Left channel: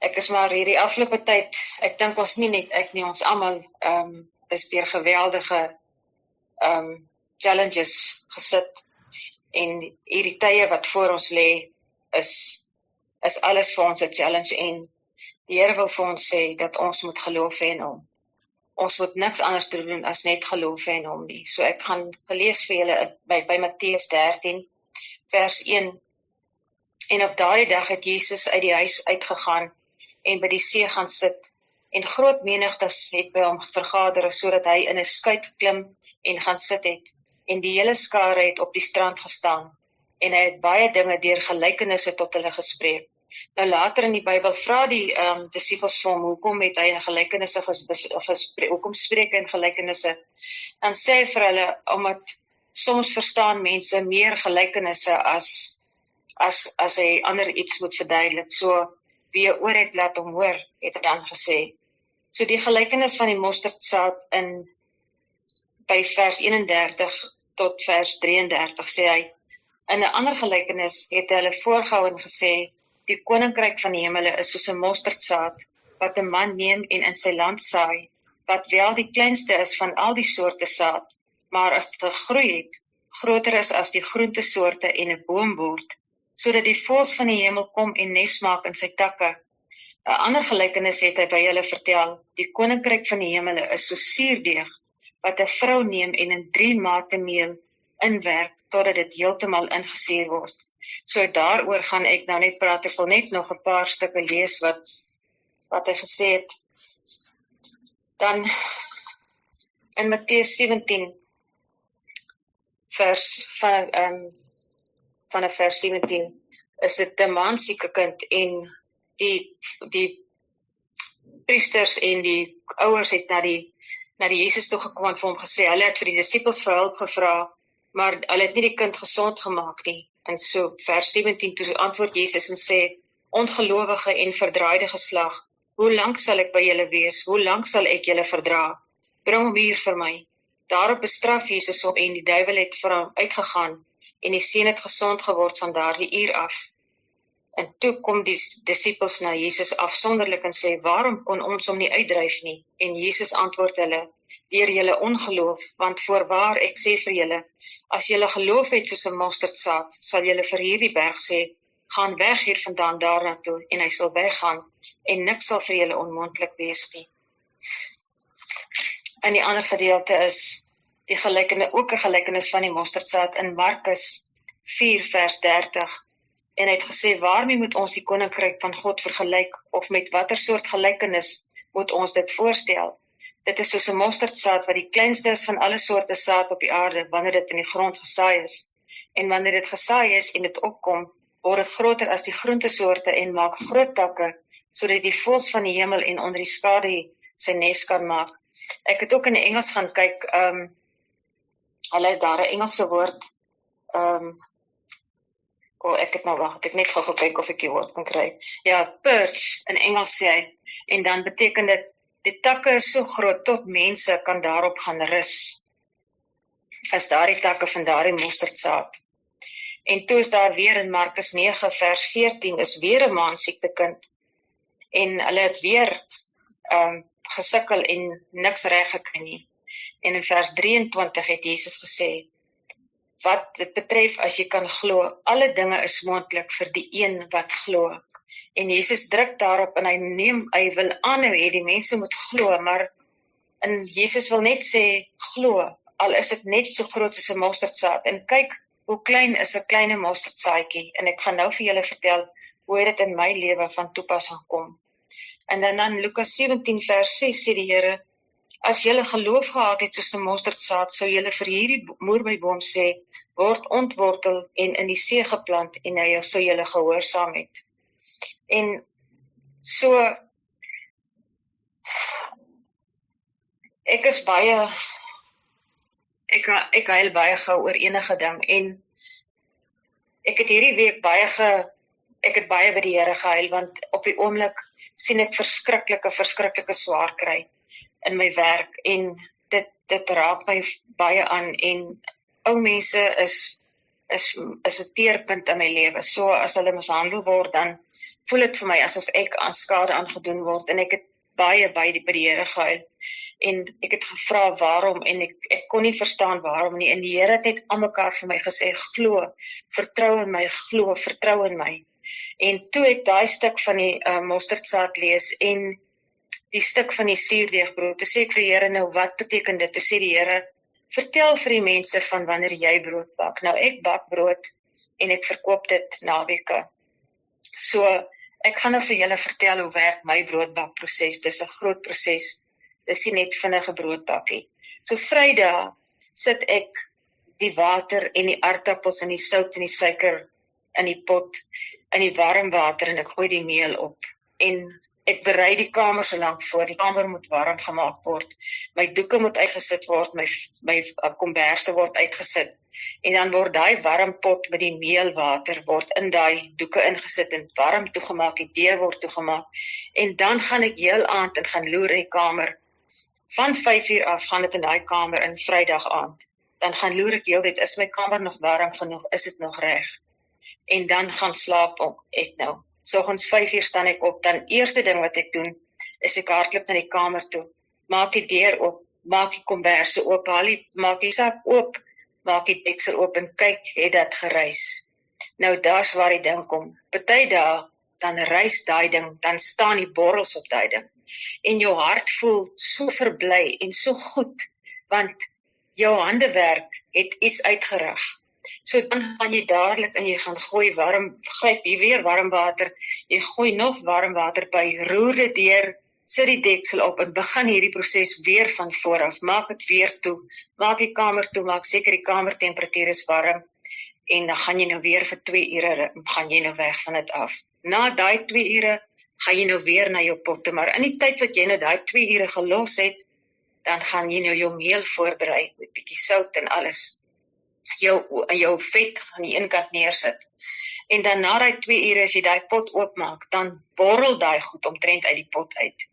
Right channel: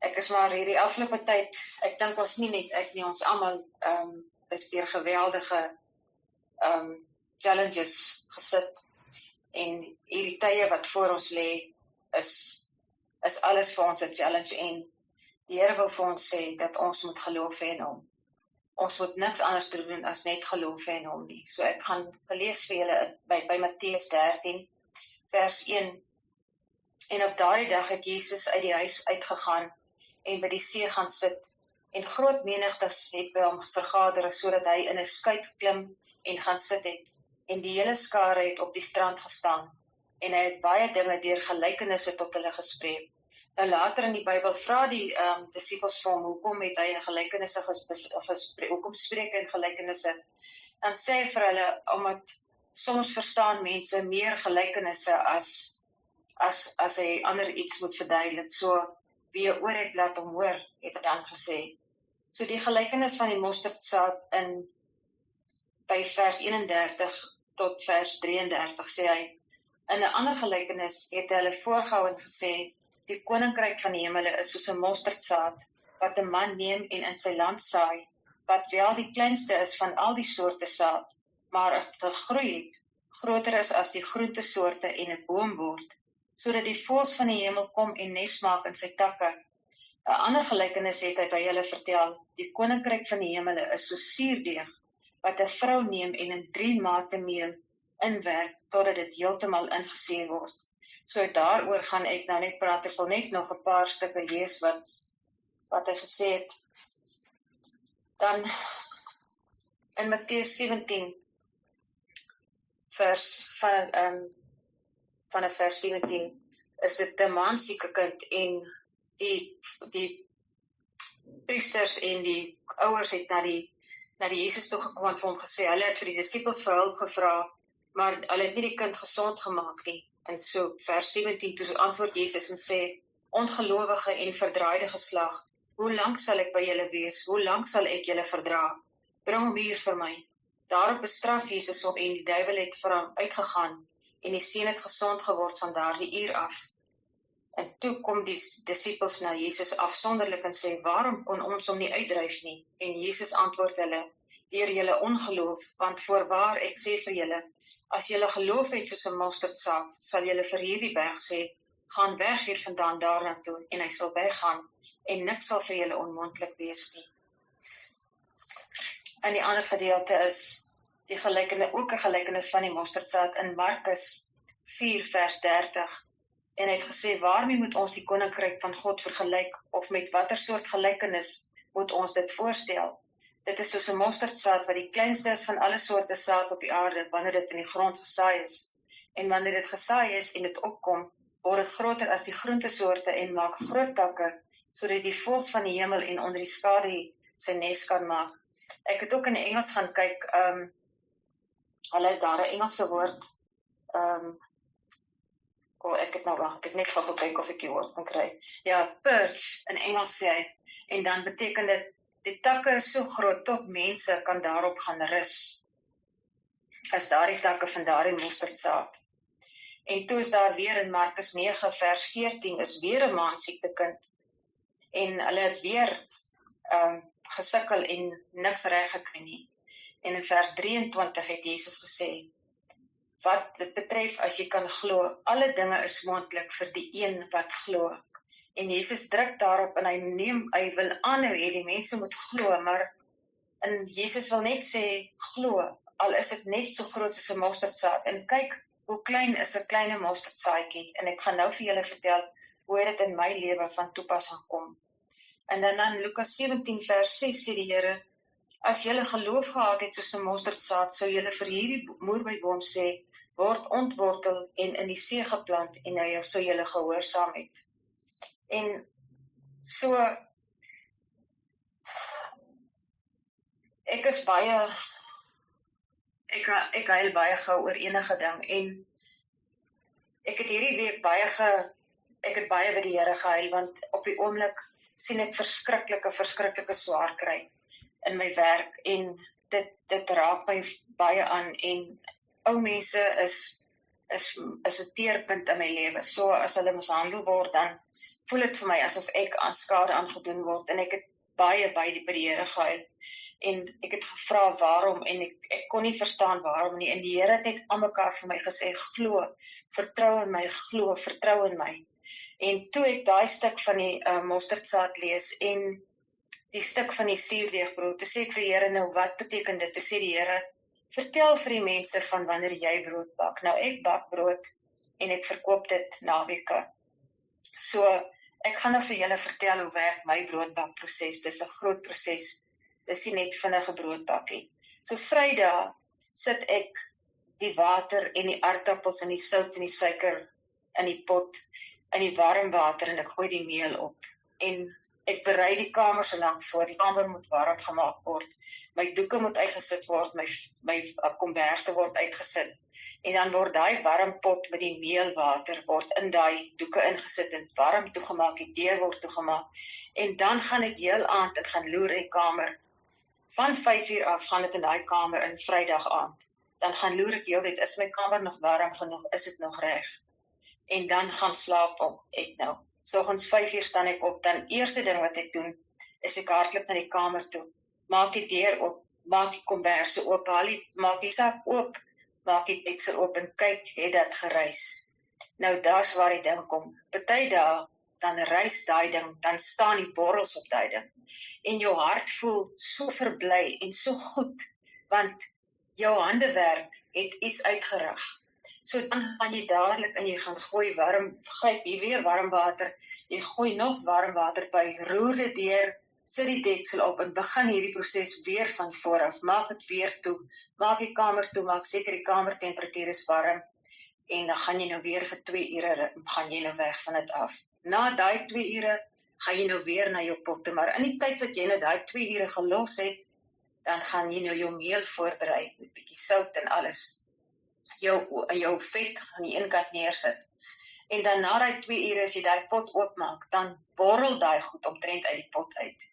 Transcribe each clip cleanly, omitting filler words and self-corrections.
Ek is maar hierdie afgelope tyd, ek dink ons nie net ek nie, ons almal is deur geweldige challenges gesit en hierdie tye wat voor ons lê is alles vir ons 'n challenge en die Here wil vir ons sê dat ons moet geloof hê in hom. Ons moet niks anders doen as net geloof hê in hom nie. So ek gaan gelees vir julle by Matteus 13 vers 1. En op daardie dag het Jesus uit die huis uitgegaan en by die see gaan sit. En groot menigtes het by hom vergader sodat hy in 'n skuit geklim en gaan sit het. En die hele skare het op die strand gestaan. En hy het baie dinge deur gelykenisse tot hulle gespreek. Nou later in die Bybel vra die disippels vir hom, hoekom het hy in gelykenisse gespreek, hoekom spreek hy in gelykenisse? Dan sê hy vir hulle, omdat soms verstaan mense meer gelykenisse as hy ander iets moet verduidelik. So wie 'n oor het, laat hom hoor, het hy dan gesê. So die gelykenis van die mosterdsaad by vers 31 tot vers 33 sê hy, in 'n ander gelykenis het hy hulle voorgehou en gesê, die koninkryk van die hemele is soos 'n mosterdsaad, wat 'n man neem en in sy land saai, wat wel die kleinste is van al die soorte saad, maar as dit gegroei het, groter is as die groentesoorte en 'n boom word, sodat die voëls van die hemel kom en nes maak in sy takke. 'n Ander gelykenis het hy by hulle vertel, die koninkryk van die hemele is soos suurdeeg, wat 'n vrou neem en in 3 mate meel inwerk, totdat dit heeltemal ingesuur word. So daaroor gaan ek nou net praat, ek wil net nog 'n paar stukke lees wat hy gesê het. Dan in Matteus 17, vanaf vers 17, is dit 'n man sieke kind en die priesters en die ouers het na die Jesus toe gekom en vir hom gesê, hulle het vir die disippels vir hulp gevra, maar hulle het nie die kind gesond gemaak nie. En so vers 17, toe antwoord Jesus en sê, ongelowige en verdraaide geslag, hoe lank sal ek by julle wees? Hoe lank sal ek julle verdra? Bring hom hier vir my. Daarop bestraf Jesus hom en die duiwel het vir hom uitgegaan en die seun het gesond geword van daardie uur af. En toe kom die disippels na Jesus afsonderlik en sê, waarom kon ons hom nie uitdryf nie? En Jesus antwoord hulle, deur julle ongeloof, want voorwaar ek sê vir julle, as julle geloof het soos 'n mosterdsaad, sal julle vir hierdie berg sê, gaan weg hier vandaan daarna toe, en hy sal weggaan, en niks sal vir julle onmoontlik wees nie. En die ander gedeelte is die ook 'n gelykenis van die mosterdsaad in Markus 4 vers 30. En hy het gesê, waarmee moet ons die koninkryk van God vergelyk, of met watter soort gelykenis moet ons dit voorstel? Dit is soos 'n mosterdsaad wat die kleinste is van alle soorte saad op die aarde, wanneer dit in die grond gesaai is. En wanneer dit gesaai is en dit opkom, word dit groter as die groentesoorte en maak groot takke, sodat die voëls van die hemel en onder die skadu sy nes kan maak. Ek het ook in die Engels gaan kyk, hulle het daar 'n Engelse woord, ek het nou wag, ek net gou gekyk of ek die woord kan kry. Ja, perch, in Engels sê hy, en dan beteken dit, die takke is so groot, tot mense kan daarop gaan rus, as daardie takke van daardie mosterdsaad. En toe is daar weer in Markus 9 vers 14, is weer 'n man siektekind, en hulle het weer gesukkel en niks reg gekry nie. En in vers 23 het Jesus gesê, wat dit betref, as jy kan glo, alle dinge is moontlik vir die een wat glo. En Jesus druk daarop en hy wil aanhou hê die mense moet glo, maar en Jesus wil net sê, glo, al is dit net so groot soos 'n mosterdsaad. En kyk, hoe klein is 'n klein mosterdsaadjie, en ek gaan nou vir julle vertel, hoe dit in my lewe van toepassing kom. En dan Lukas 17 vers 6 sê die Here, as julle geloof gehad het soos 'n mosterdsaad, sou julle vir hierdie moerbeiboom sê, word ontwortel en in die see geplant, en hy sou julle gehoorsaam het. En so, ek huil baie gou oor enige ding, en ek het hierdie week baie by die Here gehuil, want op die oomblik sien ek verskriklike swaar kry in my werk, en dit raak my baie aan, en ou mense is is 'n teerpunt in my lewe. So as hulle mishandel word, dan voel dit vir my asof ek aan skade aangedoen word, en ek het baie by die Here gehuil, en ek het gevra waarom, en ek kon nie verstaan waarom nie, en die Here het net almekaar vir my gesê, glo, vertrou in my, glo, vertrou in my. En toe ek daai stuk van die mosterdsaad lees, en die stuk van die suurdeegbrood, toe sê ek vir die Here, nou wat beteken dit? Toe sê die Here, vertel vir die mense van wanneer jy brood bak. Nou ek bak brood, en ek verkoop dit naweke. So, ek gaan nou vir julle vertel hoe werk my broodbakproses. Dis 'n groot proses. Dis nie net vinnige broodbakkie. So Vrydag sit ek die water en die aardappels en die sout en die suiker in die pot, in die warm water, en ek gooi die meel op. En ek berei die kamer so lank voor. Die kamer moet warm gemaak word. My doeke moet uitgesit word, my komberse word uitgesit. En dan word daai warm pot met die meelwater word in daai doeke ingesit en warm toegemaak, die deur word toegemaak. En dan gaan ek heel aand en gaan loer in die kamer. Van 5 uur af gaan dit in daai kamer in Vrydag aand. Dan gaan loer ek heeltyd, is my kamer nog warm genoeg, is dit nog reg? En dan gaan slaap ek nou. Soggens 5 uur staan ek op, dan eerste ding wat ek doen, is ek hardloop na die kamer toe, maak die deur oop, maak die komberse oop, maak die sak oop, maak die deksel oop en kyk, het dat gereis. Nou daar's waar die ding kom. Party dae, dan reis daai ding, dan staan die borrels op daai ding. En jou hart voel so verbly en so goed, want jou handewerk het iets uitgerig. So dan gaan jy dadelik en jy gaan gryp jy weer warm water, jy gooi nog warm water by, roer dit deur, sit die deksel op en begin hierdie proses weer van vooraf. Maak dit weer toe, maak die kamer toe, maak seker die kamertemperatuur is warm, en dan gaan jy nou weer vir 2 ure, gaan jy nou weg van dit af. Na daai 2 ure, gaan jy nou weer na jou potte, maar in die tyd wat jy nou daai 2 ure gelos het, dan gaan jy nou jou meel voorberei, met bietjie sout en alles. Jou vet aan die een kant neersit. En dan na daai 2 ure, as jy daai pot oopmaak, dan borrel daai goed omtrent uit die pot uit.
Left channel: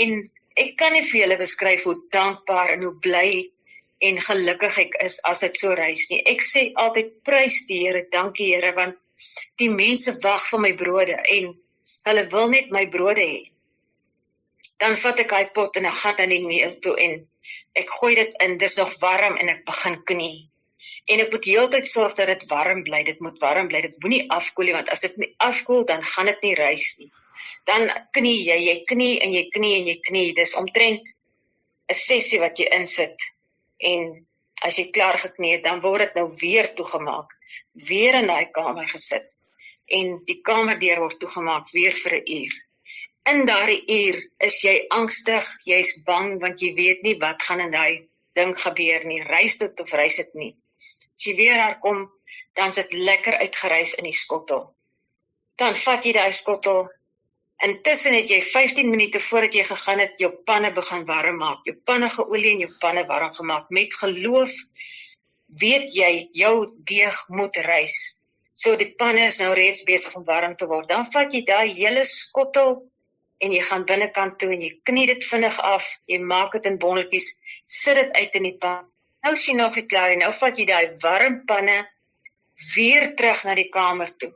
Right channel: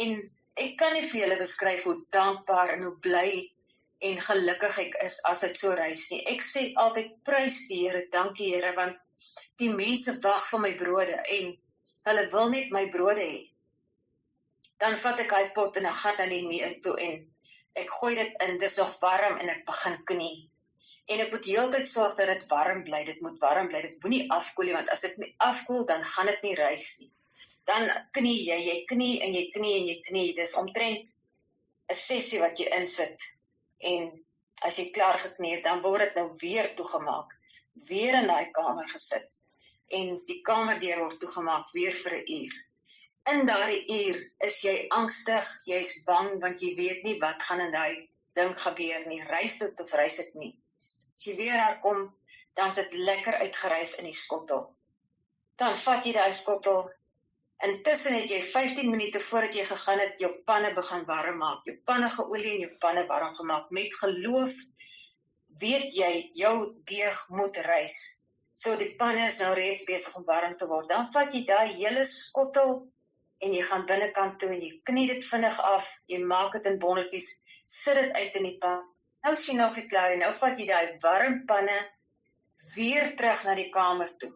En ek kan nie vir julle beskryf hoe dankbaar en hoe bly en gelukkig ek is as dit so reis nie. Ek sê altyd, prys die Here, dankie Here, want die mense wag vir my brode, en hulle wil net my brode hê. Dan vat ek daai pot en ek gaan dan die meel toe, en ek gooi dit in, dis nog warm, en ek begin knie. En ek moet heeltyd sorg dat dit warm bly, dit moet warm bly, dit moenie afkoel nie, want as dit nie afkoel, dan gaan dit nie reis nie. Dan knie jy knie en jy knie en jy knie, dis omtrent 'n sessie wat jy insit, en as jy klaar geknie het, dan word dit nou weer toegemaak, weer in daai kamer gesit, en die kamerdeur word toegemaak weer vir 'n uur. In daardie uur is jy angstig, jy's bang, want jy weet nie wat gaan in daai ding gebeur nie, reis dit of reis dit nie. As jy weer daar kom, dan sit lekker uitgereis in die skottel. Dan vat jy daai skottel, intussen het jy 15 minute voordat jy gegaan het, jou panne begin warm maak, jou panne geolie en jou panne warm gemaak. Met geloof weet jy, jou deeg moet reis. So die panne is nou reeds besig om warm te word. Dan vat jy daai hele skottel, en jy gaan binnekant toe, en jy knie dit vinnig af, jy maak dit in bonnetjies, sit dit uit in die pan. Nou is jy nog nie klaar, en nou vat jy daai warm panne weer terug na die kamer toe.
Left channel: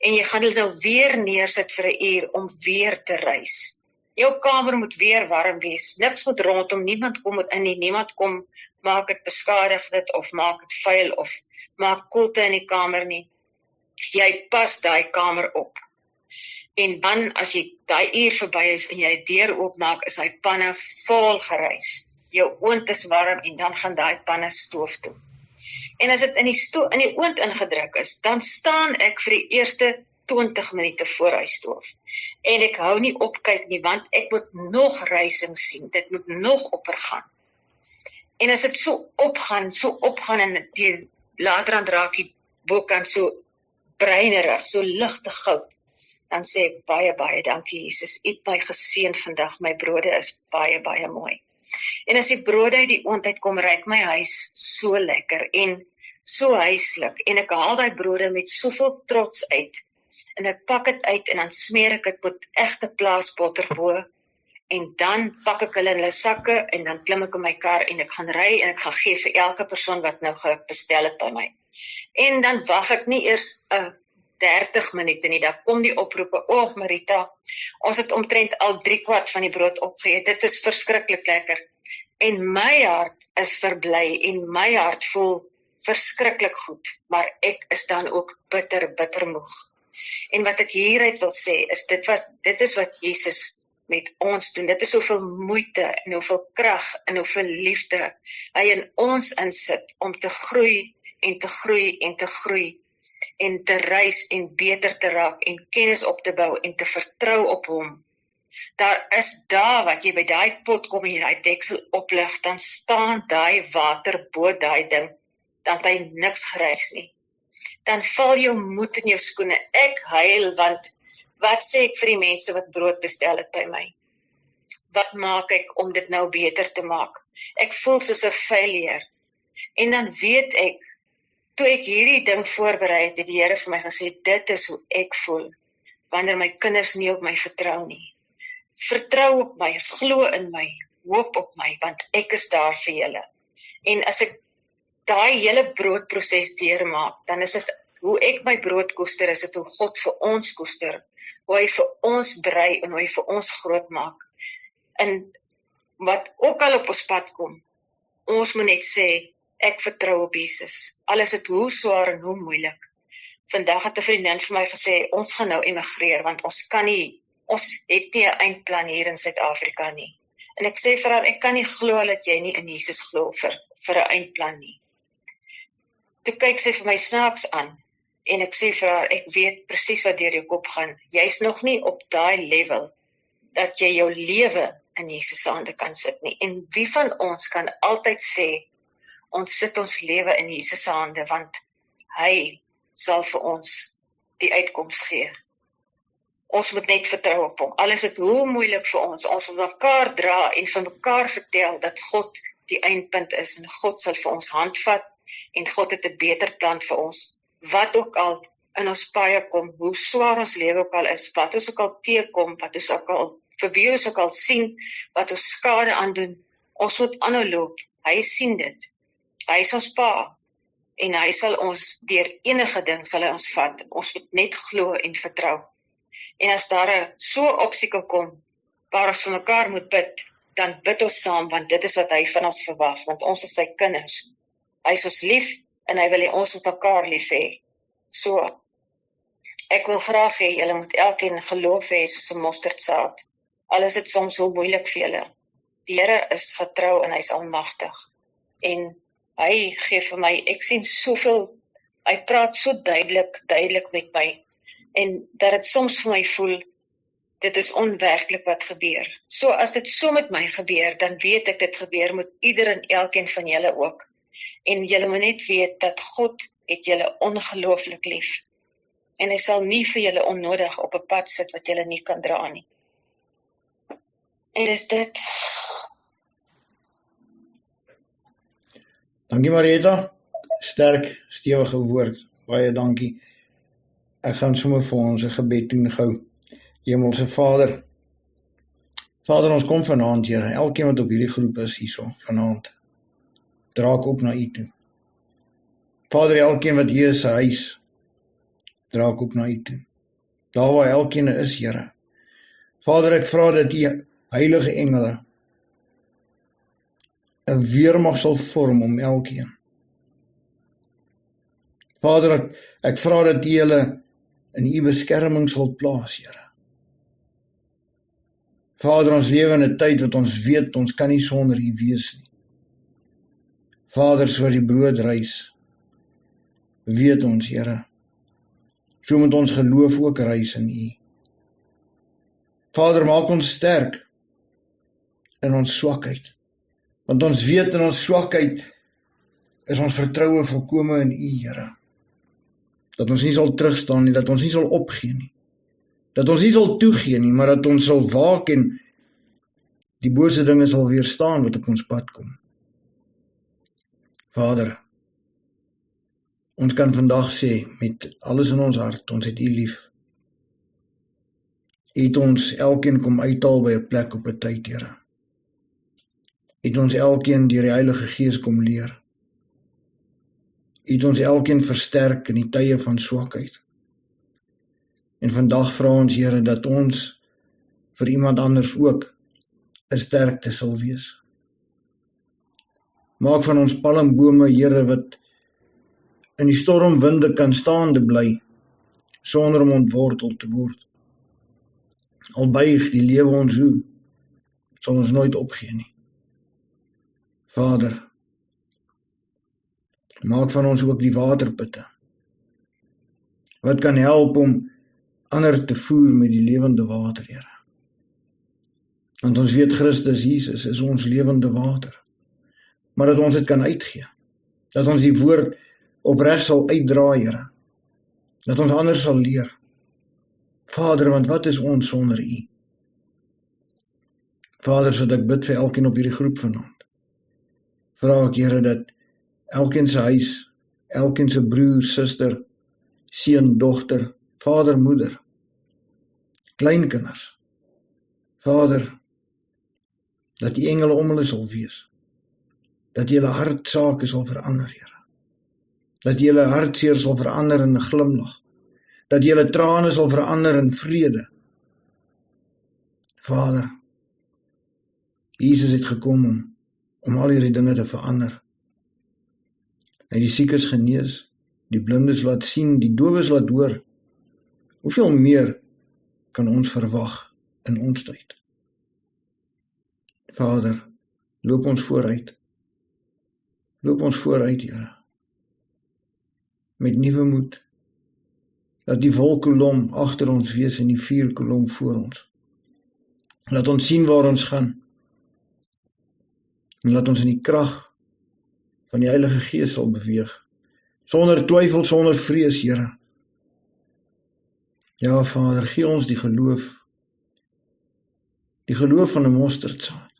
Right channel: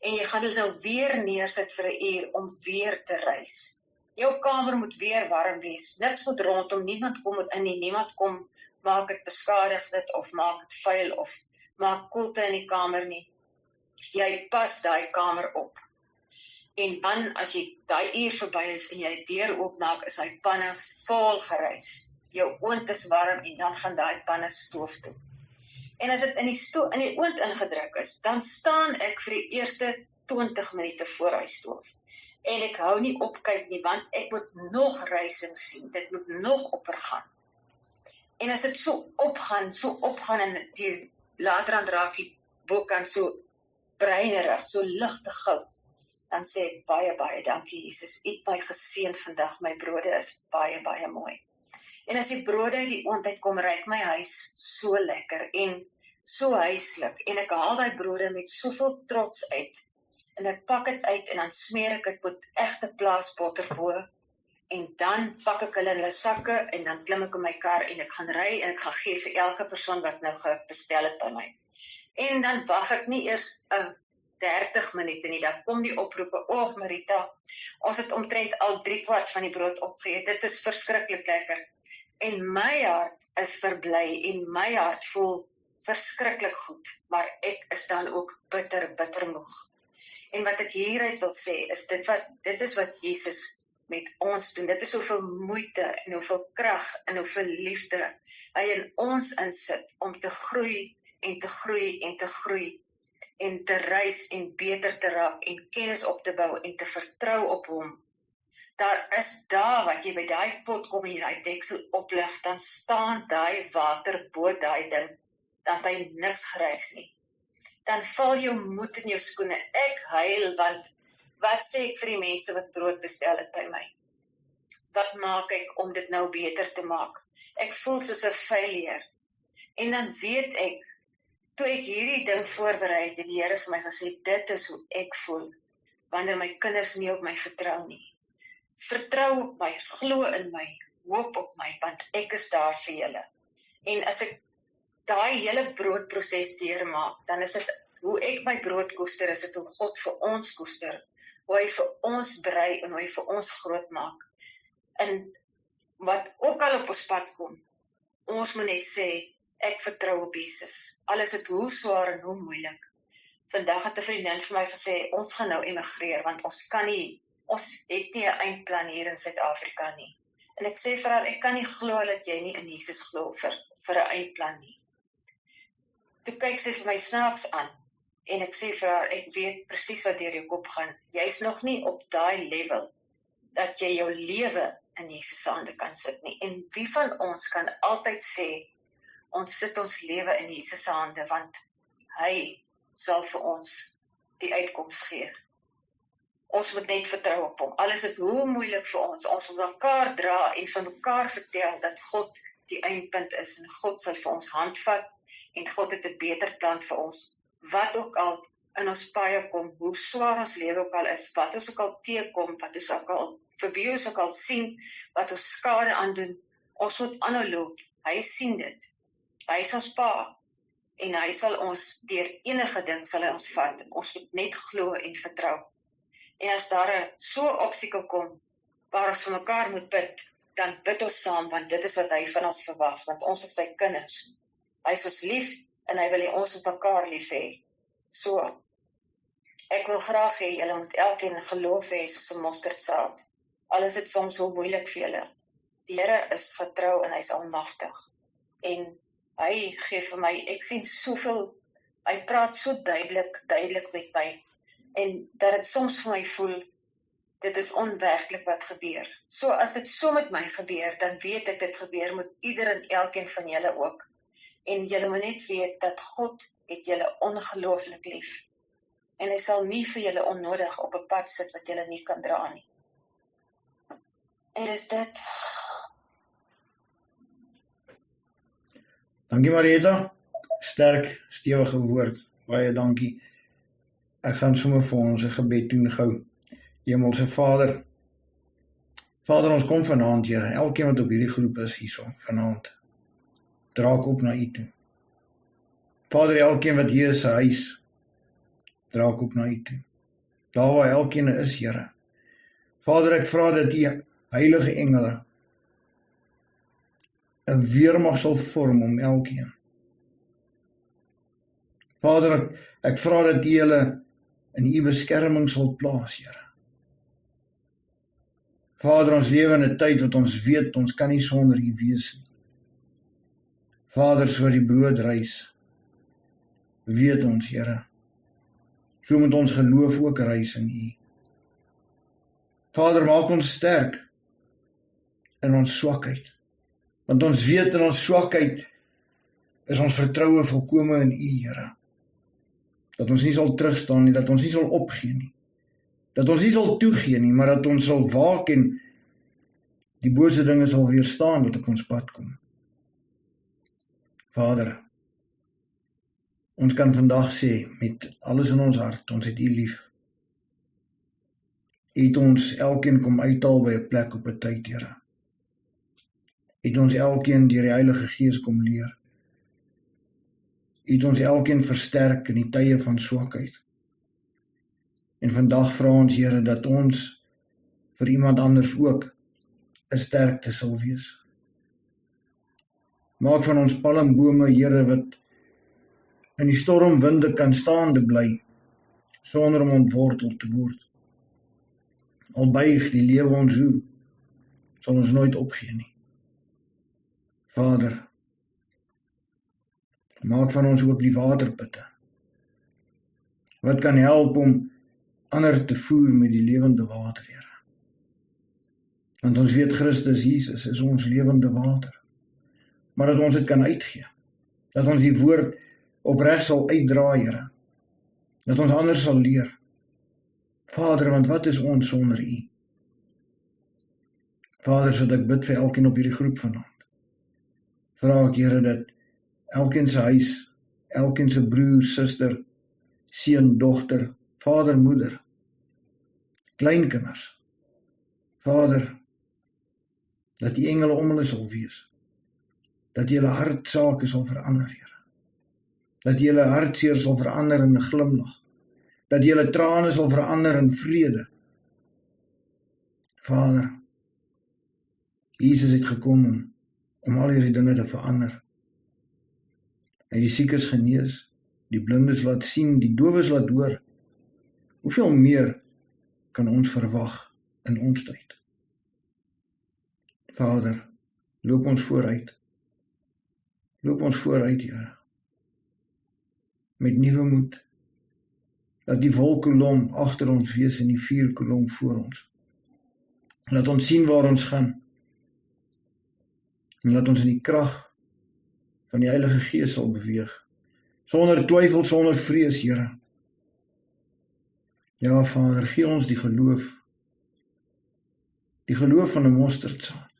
En jy gaan dit nou weer neersit vir 'n uur om weer te reis. Jou kamer moet weer warm wees, niks moet rondom, niemand kom in nie, niemand kom, maak dit beskadig dit, of maak dit vuil, of maak koelte in die kamer nie. Jy pas daai kamer op. En dan, as jy daai uur verby is, en jy die deur oopmaak, is hy panne vol gereis. Jou oond is warm, en dan gaan daai panne stoof toe. En as dit in die oond ingedruk is, dan staan ek vir die eerste 20 minute voor hy stoof. En ek hou nie op kyk nie, want ek moet nog reising sien, dit moet nog oppergaan. En as dit so opgaan, en die later aan raak die bokant so breinerig, so ligte goud, dan sê ek baie dankie Jesus, U het my geseën vandag, my brode is baie mooi. En as die brode uit die oond uitkom, ruik my huis so lekker en so huislik, en ek haal daai brode met soveel trots uit, en ek pak dit uit, en dan smeer ek dit met egte plaasbotter bo, En dan pak ek hulle in hulle sakke en dan klim ek in my kar en ek gaan ry en ek gaan gee vir elke persoon wat nou bestel het by my. En dan wag ek nie eers 30 minute nie, dan kom die oproepe, Marita, ons het omtrent al 3/4 van die brood opgeëet, dit is verskriklik lekker. En my hart is verbly en my hart voel verskriklik goed, maar ek is dan ook bitter moeg. En wat ek hieruit wil sê, is dit is wat Jesus met ons doen. Dit is hoeveel moeite en hoeveel krag en hoeveel liefde hy in ons insit om te groei en te groei en te groei en te reis en beter te raak en kennis op te bou en te vertrou op hom. Daar is dae wat jy by daai pot kom en jy daai deksel oplig, dan staan daai water bo daai ding, dan het hy niks gereis nie. Dan val jou moed in jou skoene. Ek huil, want wat sê ek vir die mense wat brood bestel het by my? Wat maak ek om dit nou beter te maak? Ek voel soos 'n failure. En dan weet ek, toe ek hierdie ding voorberei het, het die Here vir my gesê, dit is hoe ek voel, wanneer my kinders nie op my vertrou nie. Vertrou op my, glo in my, hoop op my, want ek is daar vir julle. En as ek daai hele broodproses deurmaak, dan is dit hoe ek my brood koester, is dit hoe God vir ons koester, hoe hy vir ons brei en hoe hy vir ons groot maak. En wat ook al op ons pad kom, ons moet net sê, ek vertrou op Jesus. Al is dit hoe swaar en hoe moeilik. Vandag het 'n vriendin vir my gesê, ons gaan nou emigreer, want ons het nie 'n eindplan hier in Suid-Afrika nie. En ek sê vir haar, ek kan nie glo dat jy nie in Jesus glo vir 'n eindplan nie. Toe kyk sy vir my snaaks aan, en ek sê vir haar, ek weet presies wat deur jou kop gaan. Jy's nog nie op daai level, dat jy jou lewe in Jesus se hande kan sit nie. En wie van ons kan altyd sê, ons sit ons lewe in Jesus se hande, want hy sal vir ons die uitkoms gee. Ons moet net vertrou op hom. Al is dit hoe moeilik vir ons moet mekaar dra en vir mekaar vertel dat God die eindpunt is en God sal vir ons handvat en God het 'n beter plan vir ons. Wat ook al in ons paie kom, hoe swaar ons lewe ook al is, wat ons ook al teekom, vir wie ons ook al sien, wat ons skade aandoen, ons moet aanhou loop. Hy sien dit. Hy is ons pa en hy sal ons deur enige ding sal hy ons vat. Ons moet net glo en vertrou. En as daar so 'n obstakel kom waar ons vir mekaar moet bid, dan bid ons saam, want dit is wat hy van ons verwag, want ons is sy kinders. Hy is ons lief en hy wil hê ons moet mekaar lief hê. So, ek wil graag hê julle moet elkeen geloof hê soos 'n mosterdsaad. Al is dit soms hoe moeilik vir julle. Die Here is getrou en hy is almagtig. En hy gee vir my, ek sien soveel, hy praat so duidelik met my, en dat dit soms vir my voel, dit is onwerklik wat gebeur. So as dit so met my gebeur, dan weet ek dit gebeur met ieder en elkeen van julle ook. En julle moet net weet dat God het julle ongelooflik lief. En hy sal nie vir julle onnodig op 'n pad sit wat julle nie kan dra nie. En dis dit. Dankie Marieta, sterk, stewige woord, baie dankie. Ek gaan sommer vir ons 'n gebed doen gou. Hemelse Vader, ons kom vanaand, Here, elkeen wat op hierdie groep is hierso, vanaand, draak op na U toe. Vader, elkeen wat hier is, sy huis, draak op na U toe. Daar waar elkeen is, Here. Vader, ek vra dat U heilige engele 'n weermag sal vorm om elkeen. Vader, ek vra dat U hulle in U beskerming sal plaas, Here. Vader, ons lewe in 'n tyd wat ons weet, ons kan nie sonder U wees nie. Vader, soos die brood reis, weet ons, Here, so moet ons geloof ook reis in U. Vader, maak ons sterk in ons swakheid, want ons weet in ons swakheid is ons vertroue volkome in U, Here. Dat ons nie sal terugstaan nie, dat ons nie sal opgee nie, dat ons nie sal toegee nie, maar dat ons sal waak en die bose dinge sal weerstaan wat op ons pad kom. Vader, ons kan vandag sê met alles in ons hart, ons het U lief. Het ons elkeen kom uithaal by 'n plek op 'n tyd, Here. Het ons elkeen deur die Heilige Gees kom leer. Het ons elkeen versterk in die tye van swakheid. En vandag vra ons, Here, dat ons vir iemand anders ook 'n sterkte sal wees. Maak van ons palmbome, Here, wat in die stormwinde kan staande bly, sonder om ontwortel te word. Al buig die lewe ons hoe, sal ons nooit opgee nie. Vader, maak van ons ook die waterputte, wat kan help om ander te voer met die lewende water, Here. Want ons weet Christus Jesus is ons lewende water, maar dat ons dit kan uitgee, dat ons die woord opreg sal uitdra, Here, dat ons anders sal leer. Vader, want wat is ons sonder U? Vader, sodat ek bid vir elkeen op hierdie groep vanaand. Vra ek, Here, dat elkeen se huis, elkeen se broer, suster, seun, dogter, vader, moeder, kleinkinders, Vader, dat die engele om hulle sal wees, dat julle hartsake sal verander, Here, dat julle hartseer sal verander in 'n glimlag, dat julle trane sal verander in vrede. Vader, Jesus het gekom om al hierdie dinge te verander. Hy die siekes genees, die blindes laat sien, die dowes laat hoor. Hoeveel meer kan ons verwag in ons tyd? Vader, loop ons vooruit. Loop ons vooruit, Here, met nuwe moed. Laat die wolkkolom agter ons wees en die vuurkolom voor ons. Laat ons sien waar ons gaan. En laat ons in die krag van die Heilige Gees sal beweeg. Sonder twyfel, sonder vrees, Here. Ja, Vader, gee ons die geloof van 'n mosterdsaad.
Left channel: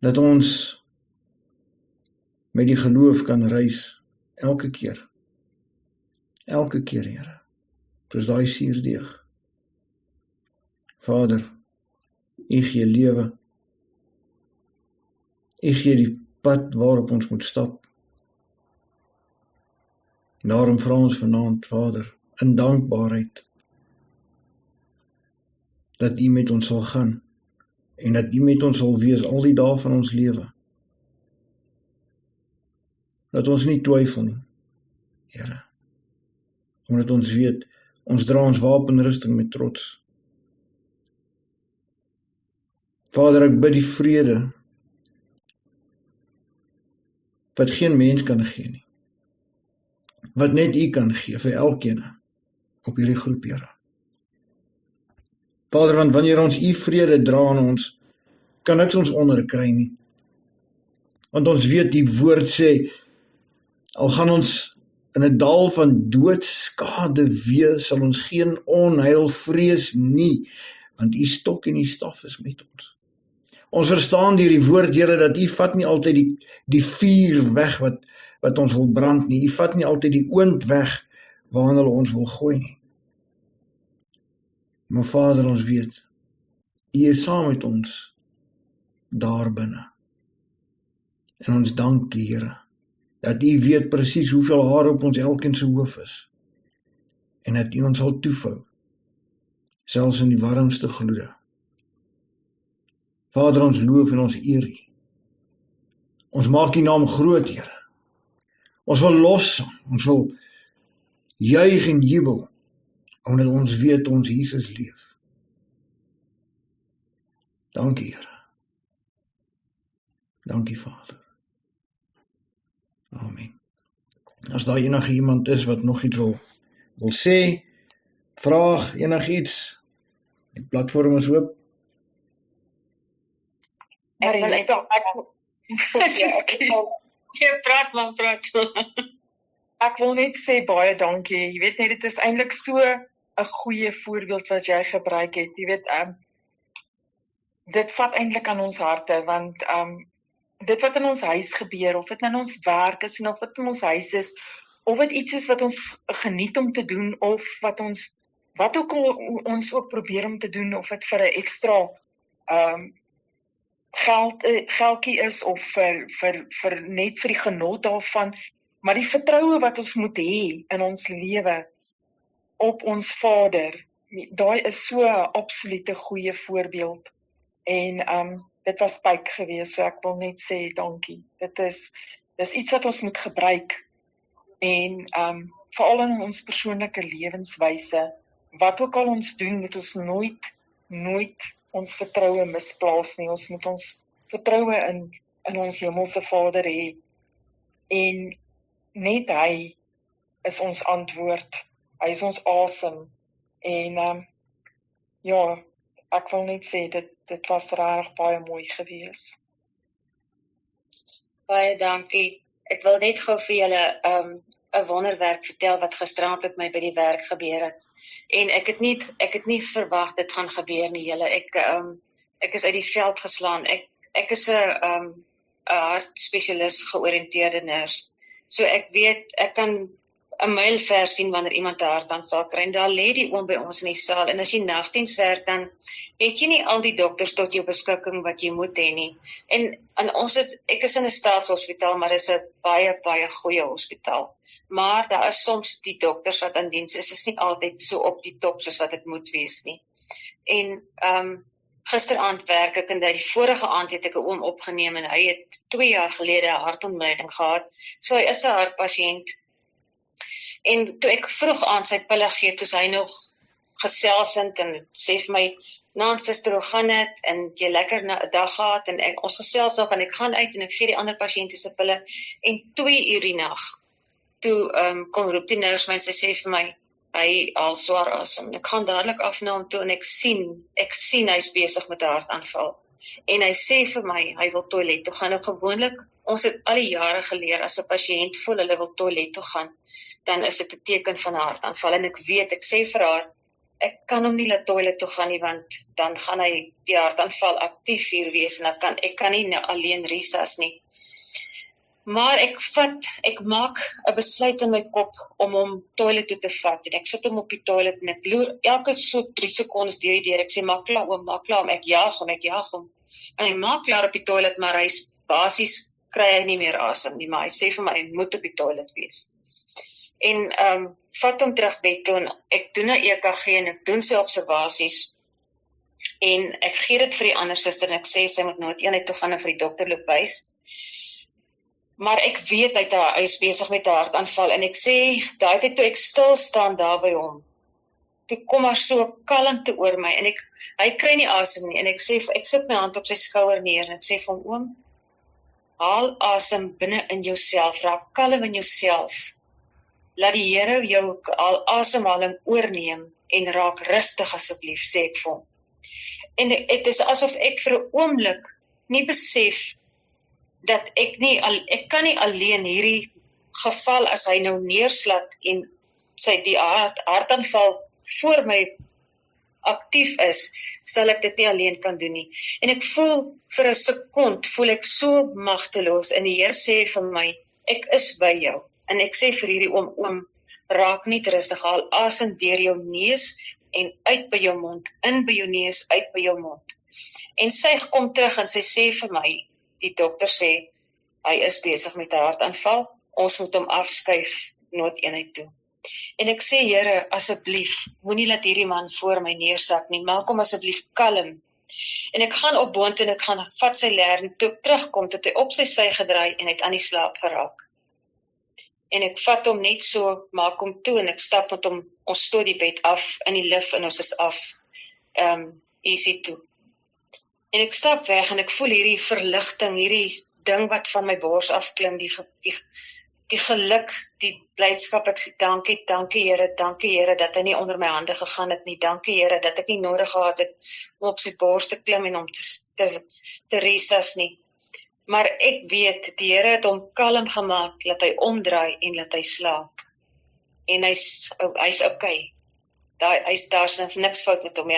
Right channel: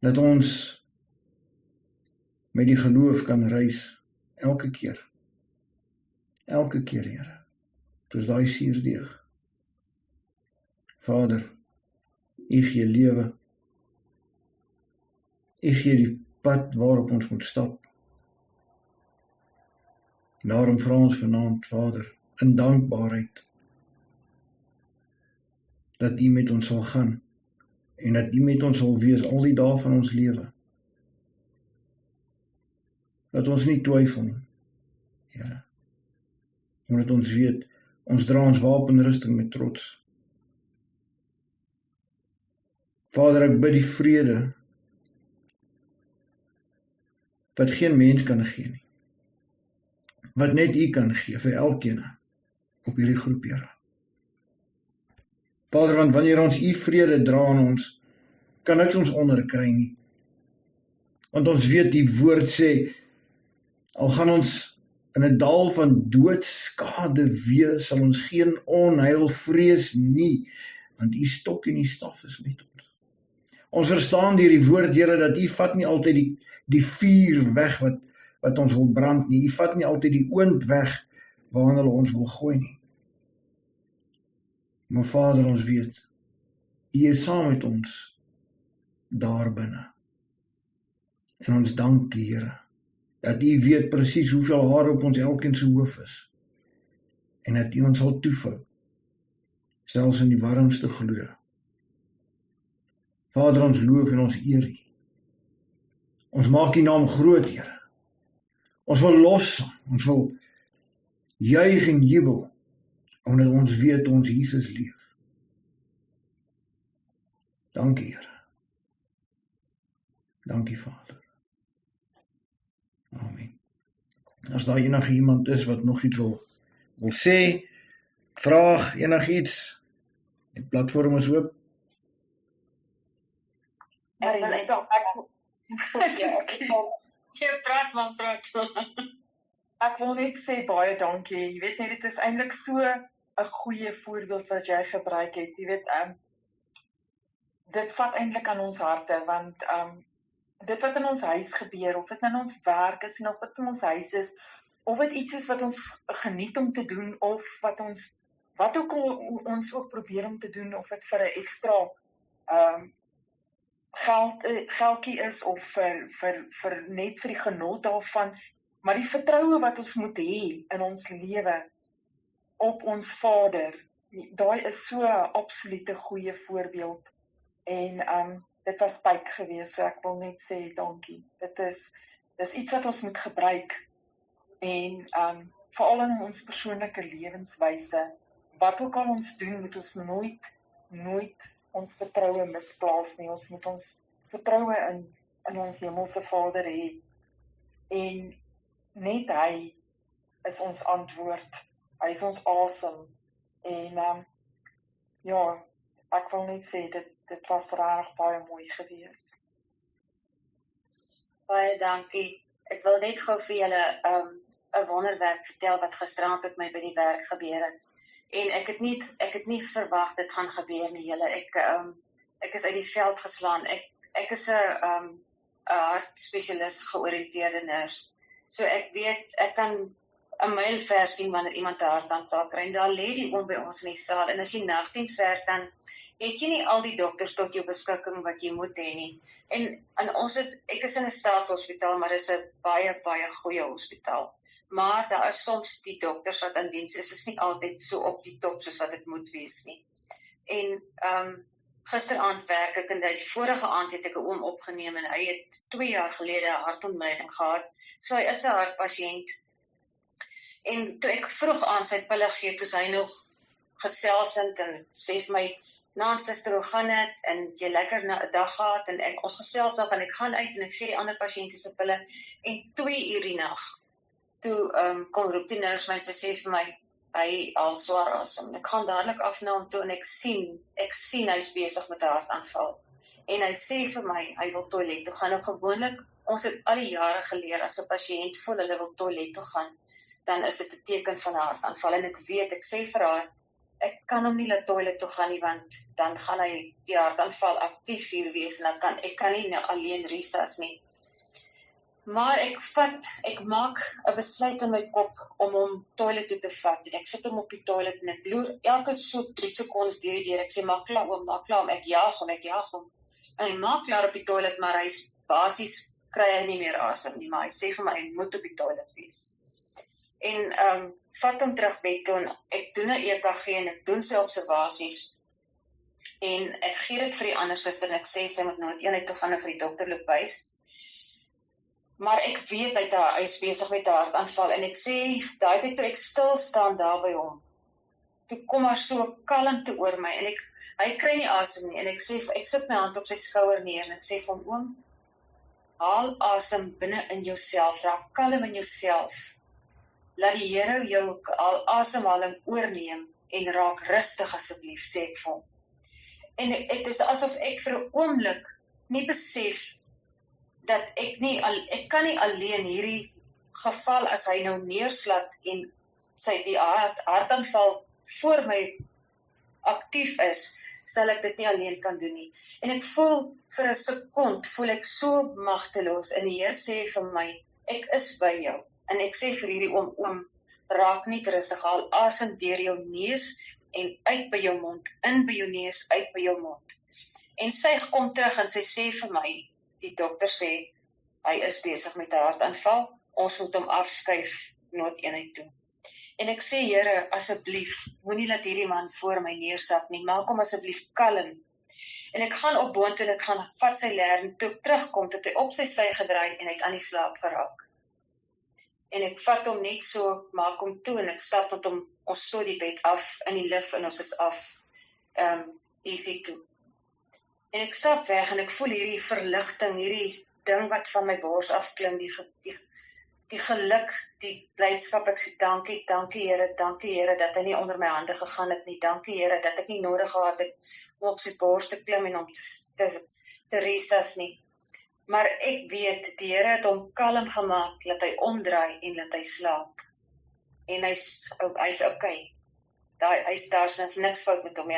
Dat ons met die geloof kan reis elke keer. Elke keer, Here. Soos daai suurdeeg. Vader, U gee lewe. U gee die pad waarop ons moet stap. Daarom vra ons vanaand, Vader, in dankbaarheid, dat U met ons sal gaan, en dat U met ons sal wees al die dae van ons lewe. Dat ons nie twyfel nie, Here, omdat ons weet, ons dra ons wapenrusting met trots. Vader, ek bid die vrede, wat geen mens kan gee nie, wat net U kan gee vir elkeen op hierdie groep, Here. Vader, want wanneer ons U vrede dra aan ons, kan niks ons onderkry nie. Want ons weet die woord sê, al gaan ons in 'n dal van doodskade wees, sal ons geen onheil vrees nie, want U stok en U staf is met ons. Ons verstaan deur die woord, Here, dat U vat nie altyd die vuur weg wat ons wil brand nie. U vat nie altyd die oond weg waarna hulle ons wil gooi nie. Maar Vader, ons weet, U is saam met ons daar binne. En ons dank U, Here, dat U weet presies hoeveel haar op ons elkeen se hoof is. En dat U ons sal toevou, selfs in die warmste gloede. Vader, ons loof en ons eer U. Ons maak U naam groot, Here. Ons wil lossang, ons wil juig en jubel, omdat ons weet ons Jesus leef. Dankie, Here. Dankie, Vader. Amen. As daar enige iemand is wat nog iets wil sê, vraag, enigiets, die platform is oop. Ek wil net sê baie dankie. Jy weet net, dit is eintlik so 'n goeie voorbeeld wat jy gebruik het. Jy weet, dit vat eintlik aan ons harte, want dit wat in ons huis gebeur, of dit in ons werk is, en of dit in ons huis is, of dit iets is wat ons geniet om te doen, of wat ons wat ook al ons ook probeer om te doen, of dit vir 'n ekstra geldjie is of vir net vir die genot daarvan, maar die vertroue wat ons moet hê in ons lewe op ons Vader, daai is so 'n absolute goeie voorbeeld. En dit was Pyke gewees, so ek wil net sê dankie. Dis iets wat ons moet gebruik en veral in ons persoonlike lewenswyse. Wat ook al ons doen, moet ons nooit ons vertroue misplaas nie. Ons moet ons vertroue in ons hemelse Vader hê. En net hy is ons antwoord. Hy is ons asem. En ja, ek wil net sê dit was regtig baie mooi gewees. Baie dankie. Ek wil net gou vir julle 'n wonderwerk vertel wat gisteraand met my by die werk gebeur het. En ek het nie verwag dit gaan gebeur nie, julle. Ek is uit die veld geslaan. Ek is 'n hartspesialis georiënteerde nurse. So ek weet, ek kan 'n myl ver sien wanneer iemand 'n hartaanval kry. En daar lê die oom by ons in die saal. En as jy nagdiens werk, dan het jy nie al die dokters tot jou beskikking wat jy moet hê nie. En ek is in 'n staatshospitaal, maar dis 'n baie, baie goeie hospitaal. Maar daar is soms die dokters wat in diens is nie altyd so op die top soos wat dit moet wees nie. En gisteraand werk ek en die vorige aand het ek 'n oom opgeneem en hy het 2 jaar gelede 'n hartontleiding gehad. So hy is 'n hartpasiënt. En toe ek vroeg aan sy pille gee, toe hy nog geselsend en sê vir my, "Nou, suster, hoe gaan dit? En jy lekker 'n dag gehad?" En ons gesels nog en ek gaan uit en ek gee die ander pasiënte se pille en 2 uur die nag. Toe kom roep die nurse my en sy sê vir my, hy haal swaar asem. Ek gaan dadelik af na hom toe en ek sien hy's besig met 'n hartaanval. En hy sê vir my, hy wil toilet toe gaan. Nou gewoonlik, ons het al die jare geleer, as 'n pasiënt voel hulle wil toilet toe gaan, dan is dit 'n teken van 'n hartaanval. En ek sê vir haar, ek kan hom nie laat toilet toe gaan nie, want dan gaan hy die hartaanval aktief hier wees en ek kan nie alleen resus nie. Maar ek maak 'n besluit in my kop om hom toilet toe te vat. En ek sit hom op die toilet en ek loer elke so 3 sekondes deur die deur. Ek sê, maak klaar oom, ek jaag hom. En hy maak klaar op die toilet, maar hy's basies kry hy nie meer asem nie, maar hy sê vir my, hy moet op die toilet wees. En vat hom terug bed toe en ek doen 'n EKG en ek doen sy observasies. En ek gee dit vir die ander suster en ek sê sy moet noodeenheid toe gaan en vir die dokter loop wys. Maar ek weet hy is besig met 'n hartaanval en ek sê, daai tyd toe ek stil staan daar by hom, toe kom maar so 'n kalmte oor my en hy kry nie asem nie en ek sit my hand op sy skouer neer en ek sê vir hom, oom, haal asem binne in jouself, raak kalm in jouself. Laat die Here jou asemhaling oorneem en raak rustig asseblief, sê ek vir hom. En dit is asof ek vir 'n oomblik nie besef dat ek kan nie alleen hierdie geval as hy nou neerslat en die hartaanval voor my aktief is, sal ek dit nie alleen kan doen nie. En ek voel vir 'n sekond, ek so magteloos en die Here sê vir my, ek is by jou. En ek sê vir hierdie oom, raak net rustig, haal asem deur jou neus en uit by jou mond, in by jou neus, uit by jou mond. En sy kom terug en sy sê vir my, die dokter sê, hy is besig met 'n hartaanval, ons moet hom afskuif noodeenheid toe. En ek sê, Here, asseblief, moenie laat hierdie man voor my neersak nie, maak hom asseblief kalm. En ek gaan op boontoe en ek gaan vat sy leer en toe ek terugkom, het hy op sy sy gedraai en het aan die slaap geraak. En ek vat hom net so, maak hom toe en ek stap met hom, ons stoot die bed af in die lift en ons is af, easy toe. En ek stap weg en ek voel hierdie verligting, hierdie ding wat van my bors afklim, die geluk, die blydskap. Ek sê, dankie Here, dat hy nie onder my hande gegaan het nie, dankie Here, dat ek nie nodig gehad het om op sy bors te klim en om te resus nie. Maar ek weet, die Here het hom kalm gemaak, laat hy omdraai en laat hy slaap. En hy's okay. Daar's niks fout met hom.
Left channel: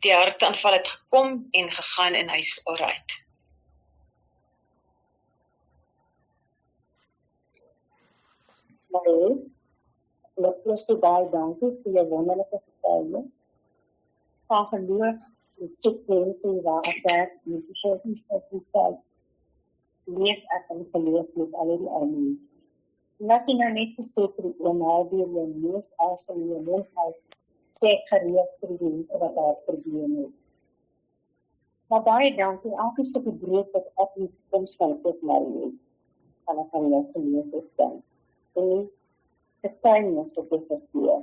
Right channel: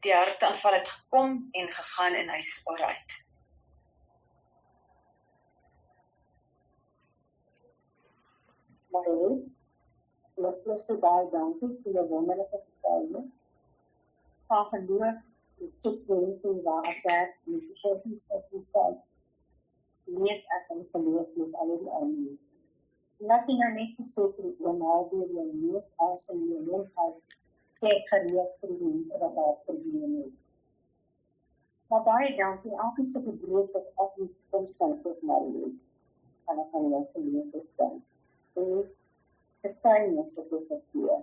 Die hartaanval het gekom en gegaan en hy's alright. Ek wil sê baie dankie vir jou wonderlike getuienis van geloof en soek mense waar ek werk met versorgingsfasiliteit leef ek in geloof met al die ou mense. En dat jy nou net gesê vir die oom deur jou neus asem in jou mond uit, sê ek gereed vir die mense wat daar probleme het. Maar baie dankie, elke stukkie brood wat ek in die toekoms van tot my leef, kan ek aan jou geloof opstaan. En die getuienis wat ek verkeer,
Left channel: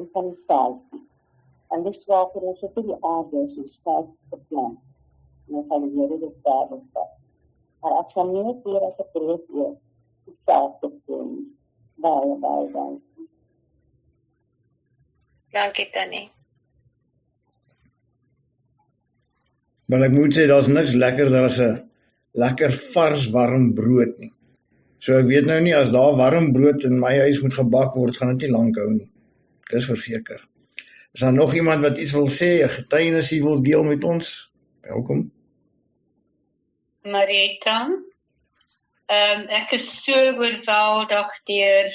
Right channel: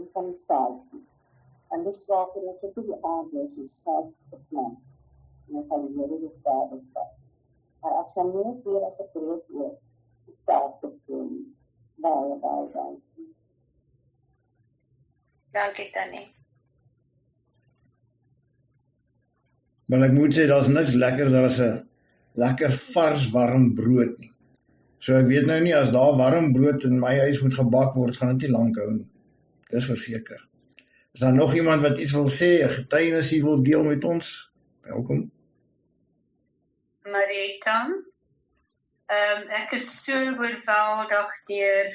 en van die saaltjie. En dis waarvoor ons op die aarde is om self te plan. En dan sal die Here dit daar opvat. Maar ek sal nie net weer as ek brood eet, die self te doen. Baie dankie. Dankie Tannie. Maar ek moet sê, daar's niks lekkerder as 'n lekker vars warm brood nie. So ek weet nou nie, as daar warm brood in my huis moet gebak word, gaan dit nie lank hou nie. Dis verseker. Is daar nog iemand wat iets wil sê, 'n getuienis wil deel met ons? Welkom. Marita, ek is so oorweldig deur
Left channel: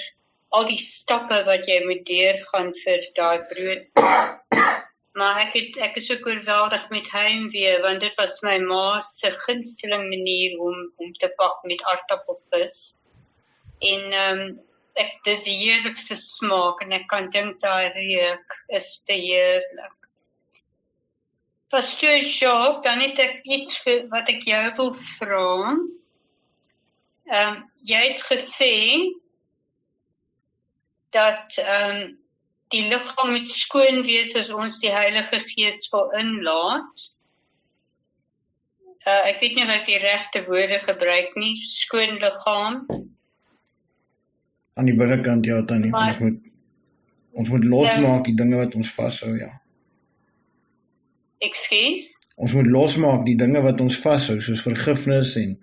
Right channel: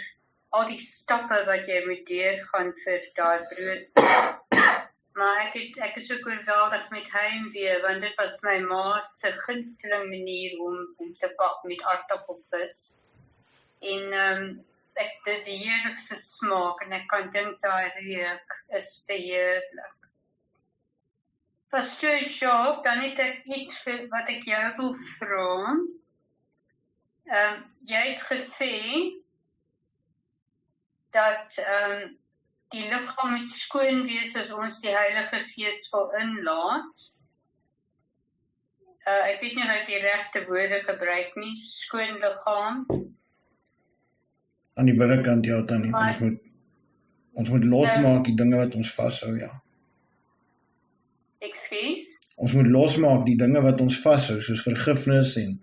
al die stappe wat jy moet deurgaan vir daai brood. Maar ek is ook oorweldig met heimwee, want dit was my ma se gunsteling manier om te bak met aardappelvis. En dis die heerlikste smaak, en ek kan dink daai reuk is te heerlik. Pastoor Jacques, dan het ek iets wat ek jou wil vra. Jy het gesê dat die liggaam moet skoon wees as ons die Heilige Gees wil inlaat. Ek weet nie of ek die regte woorde gebruik nie, skoon liggaam. Aan die binnekant, ja, Tannie, ons moet losmaak die dinge wat ons vashou, ja. Ekskuus? Ons moet losmaak die dinge wat ons vashou, soos vergifnis en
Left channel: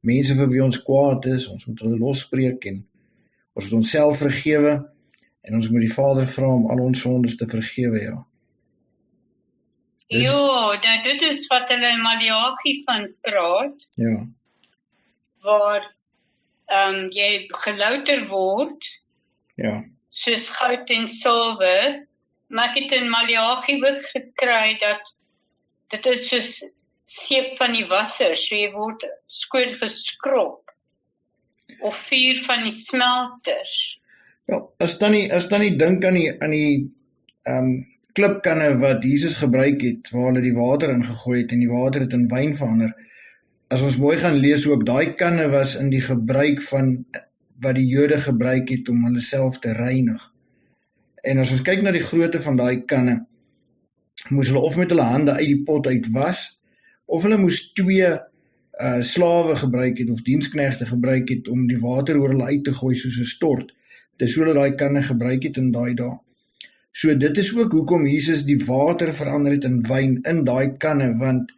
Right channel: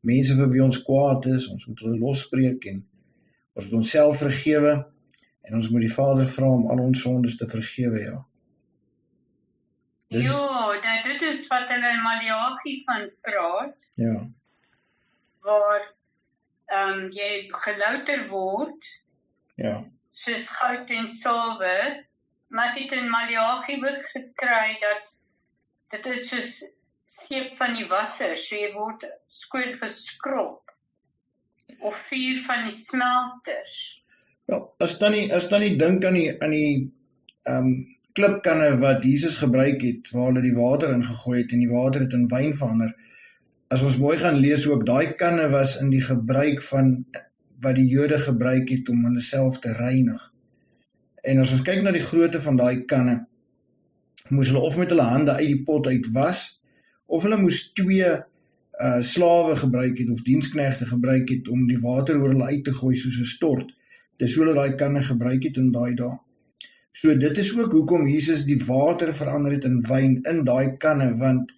mense vir wie ons kwaad is, ons moet hulle losspreek en ons moet onsself vergewe en ons moet die Vader vra om al ons sondes te vergewe, ja. Ja, dit is wat hulle in Maleagi van praat, Ja, waar jy gelouter word, ja, soos goud en silwer, maar ek het in Maleagi ook gekry dat dit is soos seep van die wasser, so jy word skoon geskrob, of vuur van die smelters. ja, as dan nie dink aan die klipkanne wat Jesus gebruik het, waar hulle die water ingegooi het en die water het in wyn verander. As ons mooi gaan lees ook, daai kanne was in die gebruik van wat die Jode gebruik het om hulle self te reinig. En as ons kyk na die grootte van daai kanne, moes hulle of met hulle hande uit die pot uit was, of hulle moes 2 slawe gebruik het, of diensknegte gebruik het, om die water oor hulle uit te gooi soos 'n stort. Dis hoe hulle daai kanne gebruik het in daai dae. So dit is ook hoekom Jesus die water verander het in wyn in daai kanne, want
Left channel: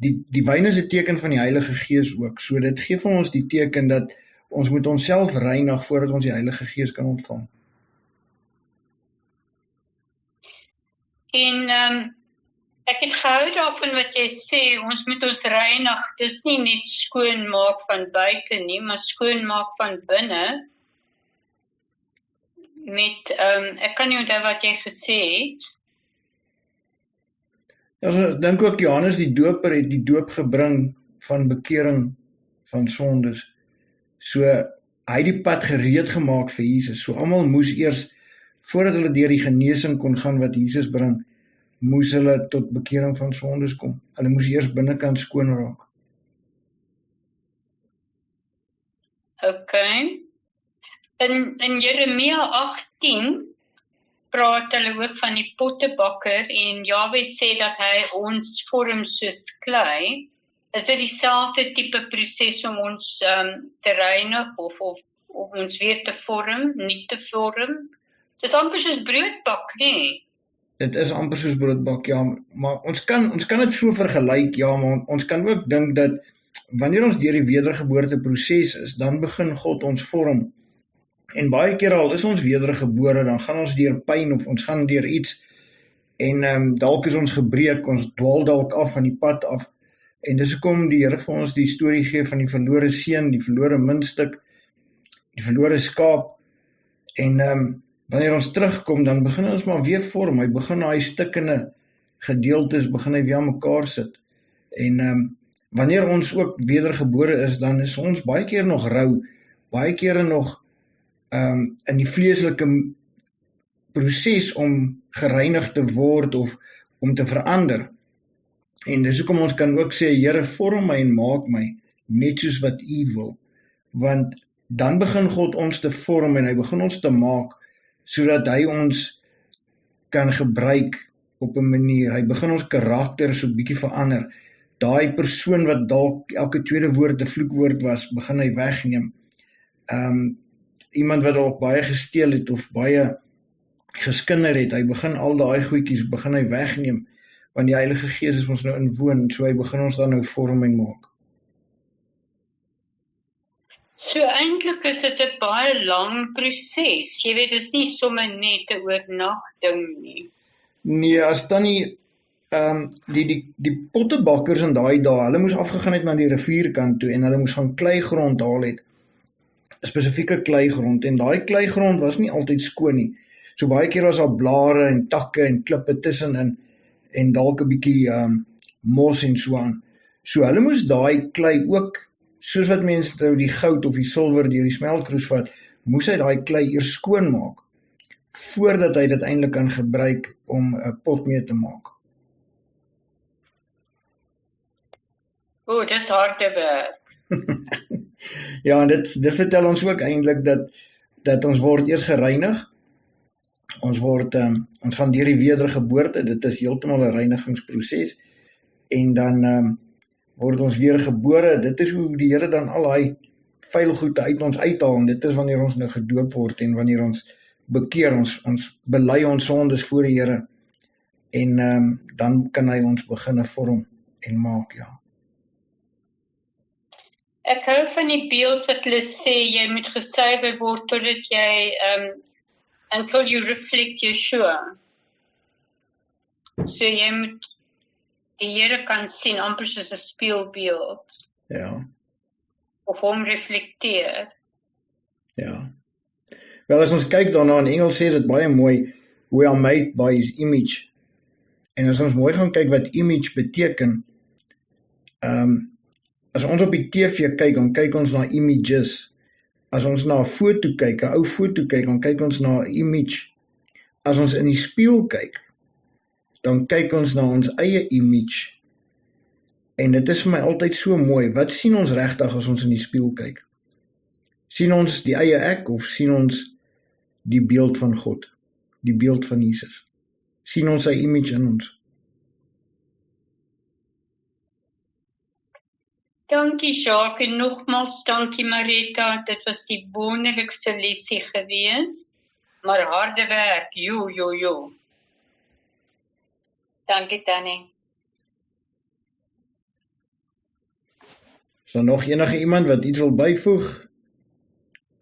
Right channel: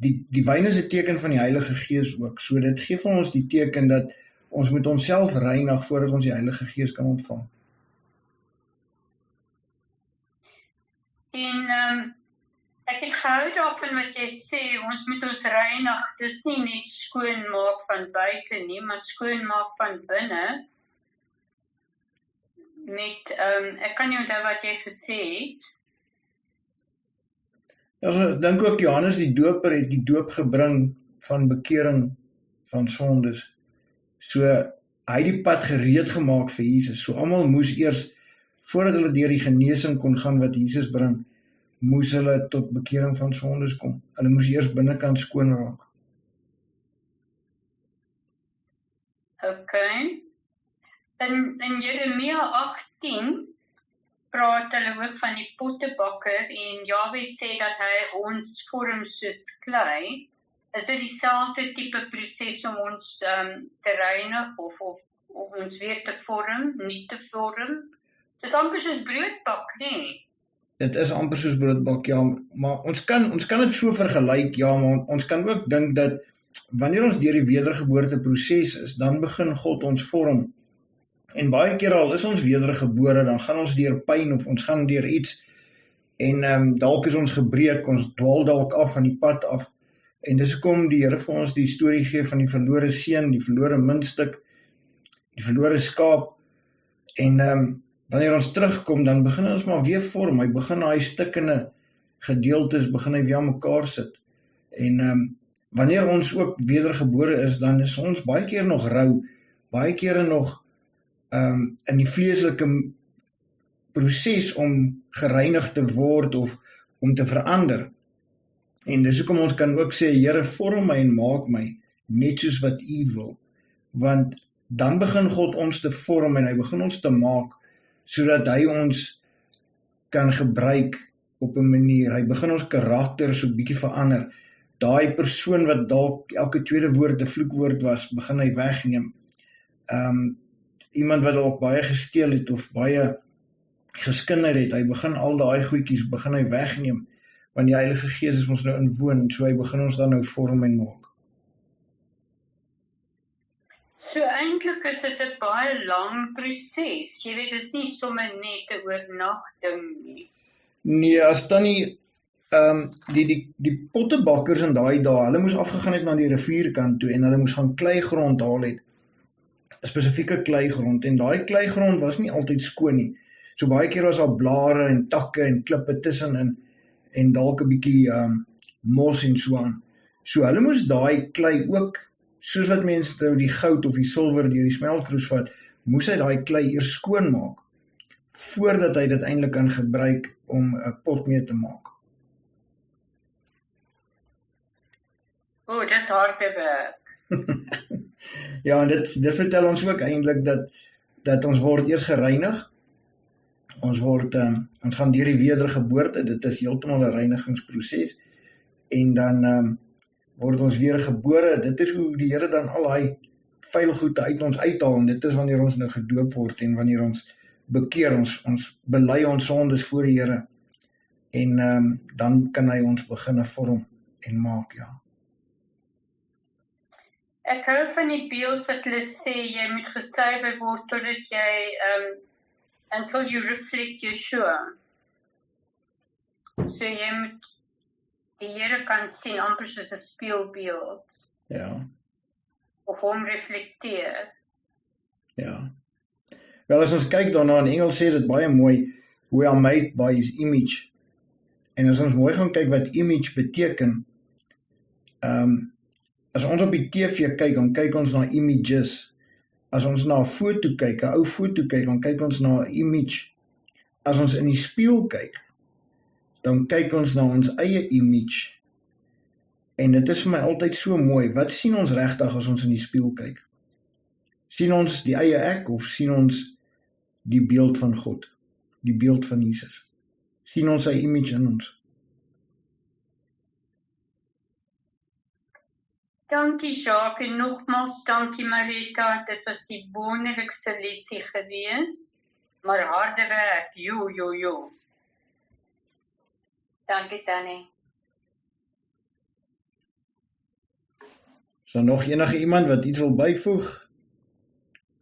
die wyn is 'n teken van die Heilige Gees ook. So dit gee vir ons die teken dat ons moet onsself reinig voordat ons die Heilige Gees kan ontvang. En ek het gehou daarvan wat jy sê, ons moet ons reinig, dis nie net skoon maak van buite nie, maar skoon maak van binne. Met, ek kan nie onthou wat jy gesê het. Ja, so, ek dink ook Johannes die Doper het die doop gebring van bekering van sondes. So, hy het die pad gereed gemaak vir Jesus. So, almal moes eers, voordat hulle deur die genesing kon gaan wat Jesus bring, moes hulle tot bekering van sondes kom. Hulle moes eers binnekant skoon raak. Okay. In Jeremia 18 praat hulle ook van die pottebakker en Jahwe sê dat hy ons vorm soos klei. Is dit dieselfde tipe proses om ons te reinig of ons weer te vorm, nie te vorm? Dis amper soos broodbak, nee. Dit is amper soos broodbak, ja, maar ons kan dit so vergelyk, ja, maar ons kan ook dink dat wanneer ons deur die wedergeboorte proses is, dan begin God ons vorm. En baie keer al is ons wedergebore, dan gaan ons deur pyn of ons gaan deur iets en dalk is ons gebreek, ons dwaal dalk af van die pad af. En dis hoekom die Here vir ons die storie gee van die verlore seun, die verlore muntstuk, die verlore skaap. En wanneer ons terugkom, dan begin ons maar weer vorm. Hy begin daai stukkende gedeeltes, begin hy weer aan mekaar sit. En wanneer ons ook wedergebore is, dan is ons baie keer nog rou, baie kere nog in die vleeslike proses om gereinig te word of om te verander. En dis hoekom ons kan ook sê, Here, vorm my en maak my net soos wat U wil. Want dan begin God ons te vorm en hy begin ons te maak, sodat hy ons kan gebruik op 'n manier. Hy begin ons karakter so 'n bietjie verander. Daai persoon wat dalk elke tweede woord 'n vloekwoord was, begin hy wegneem. Iemand wat dalk baie gesteel het of baie geskinder het, hy begin al daai goedjies begin hy wegneem, want die Heilige Gees is ons nou inwoon, en so hy begin ons dan nou vorm en maak. So eintlik is dit 'n baie lang proses. Jy weet, dit is nie sommer net 'n oornag ding nie. Nee, as dan nie die pottebakkers in daai dae, hulle moes afgegaan het na die rivierkant toe en hulle moes gaan kleigrond haal het, 'n spesifieke kleigrond, en daai kleigrond was nie altyd skoon nie. So baie keer was daar blare en takke en klippe tussenin en dalk 'n bietjie mos en so aan. So hulle moes daai klei ook, soos wat mense nou die goud of die silwer deur die smeltkroes vat, moes hy daai klei eers skoon maak voordat hy dit eintlik kan gebruik om 'n pot mee te maak. Dis harde werk. Ja, en dit vertel ons ook eintlik dat ons word eers gereinig. Ons gaan deur die wedergeboorte, dit is heeltemal 'n reinigingsproses, en dan word ons weer gebore. Dit is hoe die Here dan al daai vuil goede uit ons uithaal, en dit is wanneer ons nou gedoop word en wanneer ons bekeer, ons bely ons sondes voor die Here, en dan kan hy ons begin vorm en maak, ja. Ek hou van die beeld wat hulle sê, jy moet gesuiwer word totdat jy until you reflect Yeshua. So jy moet die Here kan sien amper soos 'n spieelbeeld. Ja. Of hom reflekteer. Ja. Wel, as ons kyk daarna, in Engels sê dit baie mooi, we are made by his image. En as ons mooi gaan kyk wat image beteken, as ons op die TV kyk, dan kyk ons na images. As ons na 'n foto kyk, 'n ou foto kyk, dan kyk ons na 'n image. As ons in die spieël kyk, dan kyk ons na ons eie image. En dit is vir my altyd so mooi. Wat sien ons regtig as ons in die spieël kyk? Sien ons die eie ek, of sien ons die beeld van God, die beeld van Jesus? Sien ons sy image in ons? Dankie Jacques en nogmaals dankie Marita, dit was die wonderlikste lesie gewees, maar harde werk, jo. Dankie Tannie. Is daar nog enige iemand wat iets wil byvoeg?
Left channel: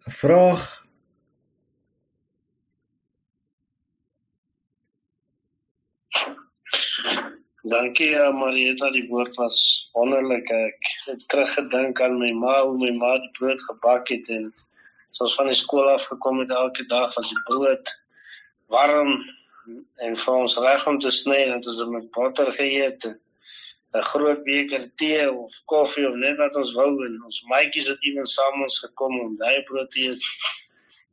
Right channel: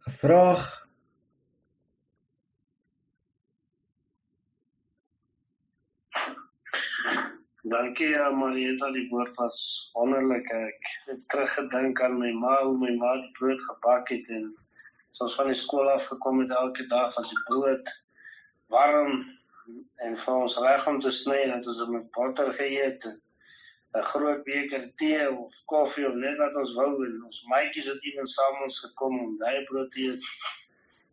'n vraag? Dankie Marieta, die woord was wonderlik. Ek het teruggedink aan my ma, hoe my ma die brood gebak het, en as ons van die skool afgekom het, elke dag was die brood warm en vir ons reg om te sny, dat ons met botter geëet, 'n groot beker tee of koffie of net wat ons wou, en ons maatjies het even saam ons gekom om daai brood te eet.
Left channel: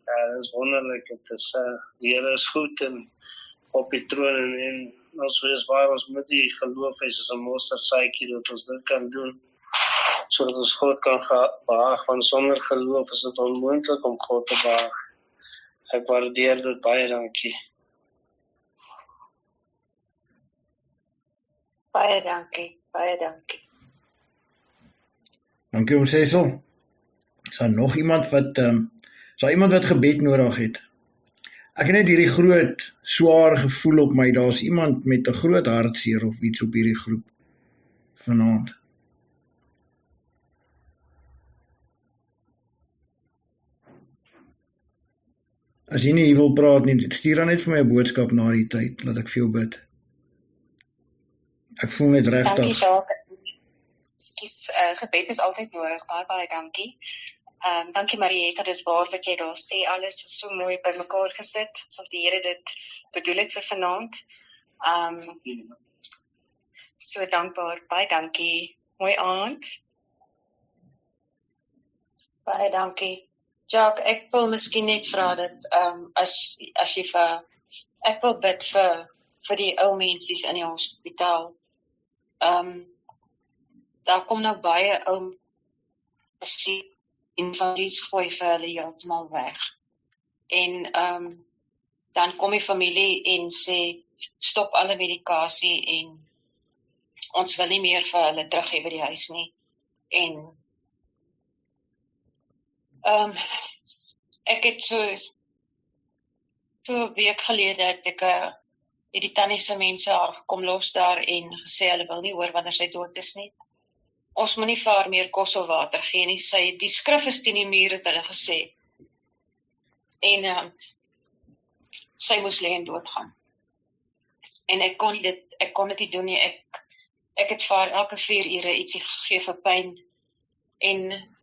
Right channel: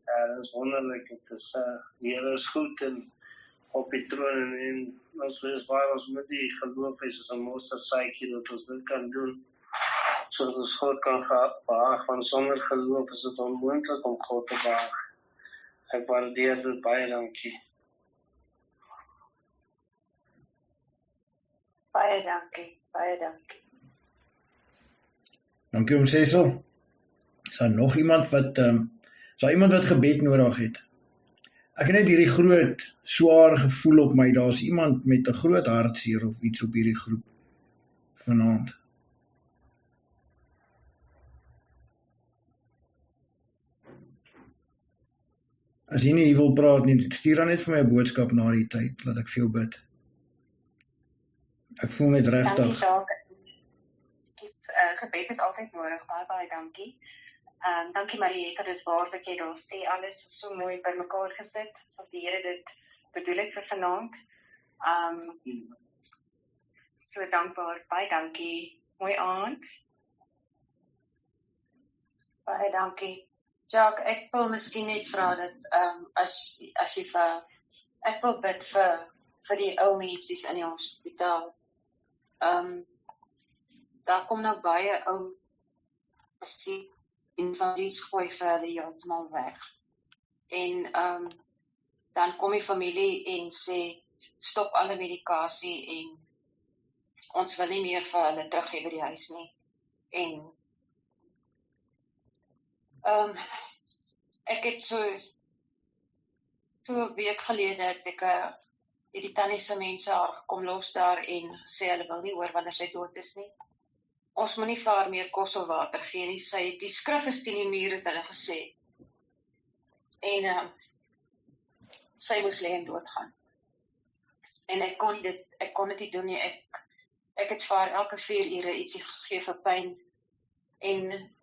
Dit is wonderlik, die Here is goed en op die troon, en ons wees waar ons met die geloof is as 'n mosterdsaadjie dat ons dit kan doen, sodat ons God kan behaag, want sonder geloof is dit onmoontlik om God te behaag. Ek waardeer dit baie, dankie. Baie dankie. Dankie om Cecil. Is daar nog iemand wat gebed nodig het? Ek het net hierdie groot, swaar gevoel op my, daar's iemand met 'n groot hartseer of iets op hierdie groep vanaand. As jy nie hier wil praat nie, stuur dan net vir my 'n boodskap na die tyd, laat ek vir jou bid. Ek voel net regtig. Dankie Jacques. Ekskuus, gebed is altyd nodig, baie dankie. Dankie Marietta, dis waar wat jy daar sê, alles is so mooi bymekaar gesit, asof die Here dit bedoel het vir vanaand. So dankbaar, baie dankie, mooi aand. Baie dankie. Jacques, ek wil miskien net vra dat as jy ek wil bid vir die ou mensies in die hospitaal. Daar kom nou baie ou en van die gooi vir hulle heeltemal weg. En dan kom die familie en sê, stop alle medikasie en ons wil nie meer vir hulle terug hê by die huis nie. En ek het so 'n week gelede het ek het die tannie se mense haar gekom los daar en gesê hulle wil nie hoor wanneer sy dood is nie. Ons moet nie vir haar meer kos of water gee nie. Die skrif is teen die muur, het hulle gesê. En sy moes lê en doodgaan. En ek kon dit nie doen nie. Ek het vir haar elke 4 ure ietsie gegee vir pyn. En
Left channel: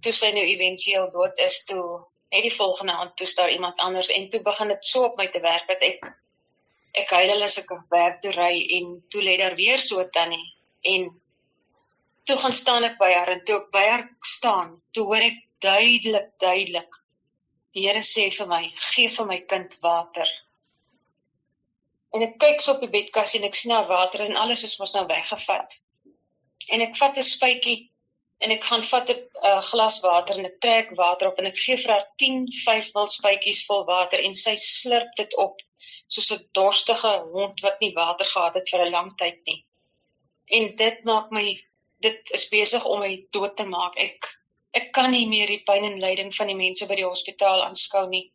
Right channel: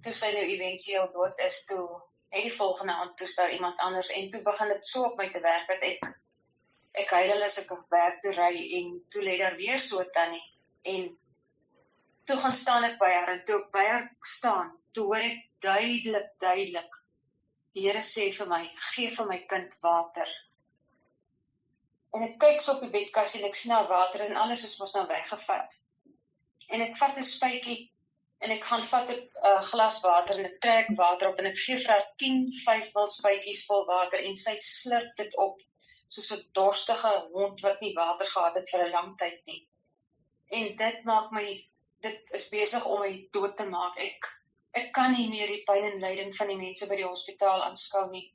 toe sy nou eventueel dood is, toe net die volgende aand toe daar iemand anders en toe begin dit so op my te werk dat ek huil as ek werk toe ry en toe lê daar weer so tannie en toe gaan staan ek by haar en toe ek by haar staan, toe hoor ek duidelik die Here sê vir my, gee vir my kind water. En ek kyk so op die bedkas en ek sien water en alles is mos nou weggevat. En ek vat 'n spuitjie en ek gaan vat 'n glas water en ek trek water op en ek gee vir haar 10 5ml spuitjies vol water en sy slurp dit op soos 'n dorstige hond wat nie water gehad het vir 'n lang tyd nie. En dit is besig om my dood te maak. Ek kan nie meer die pyn en lyding van die mense by die hospitaal aanskou nie.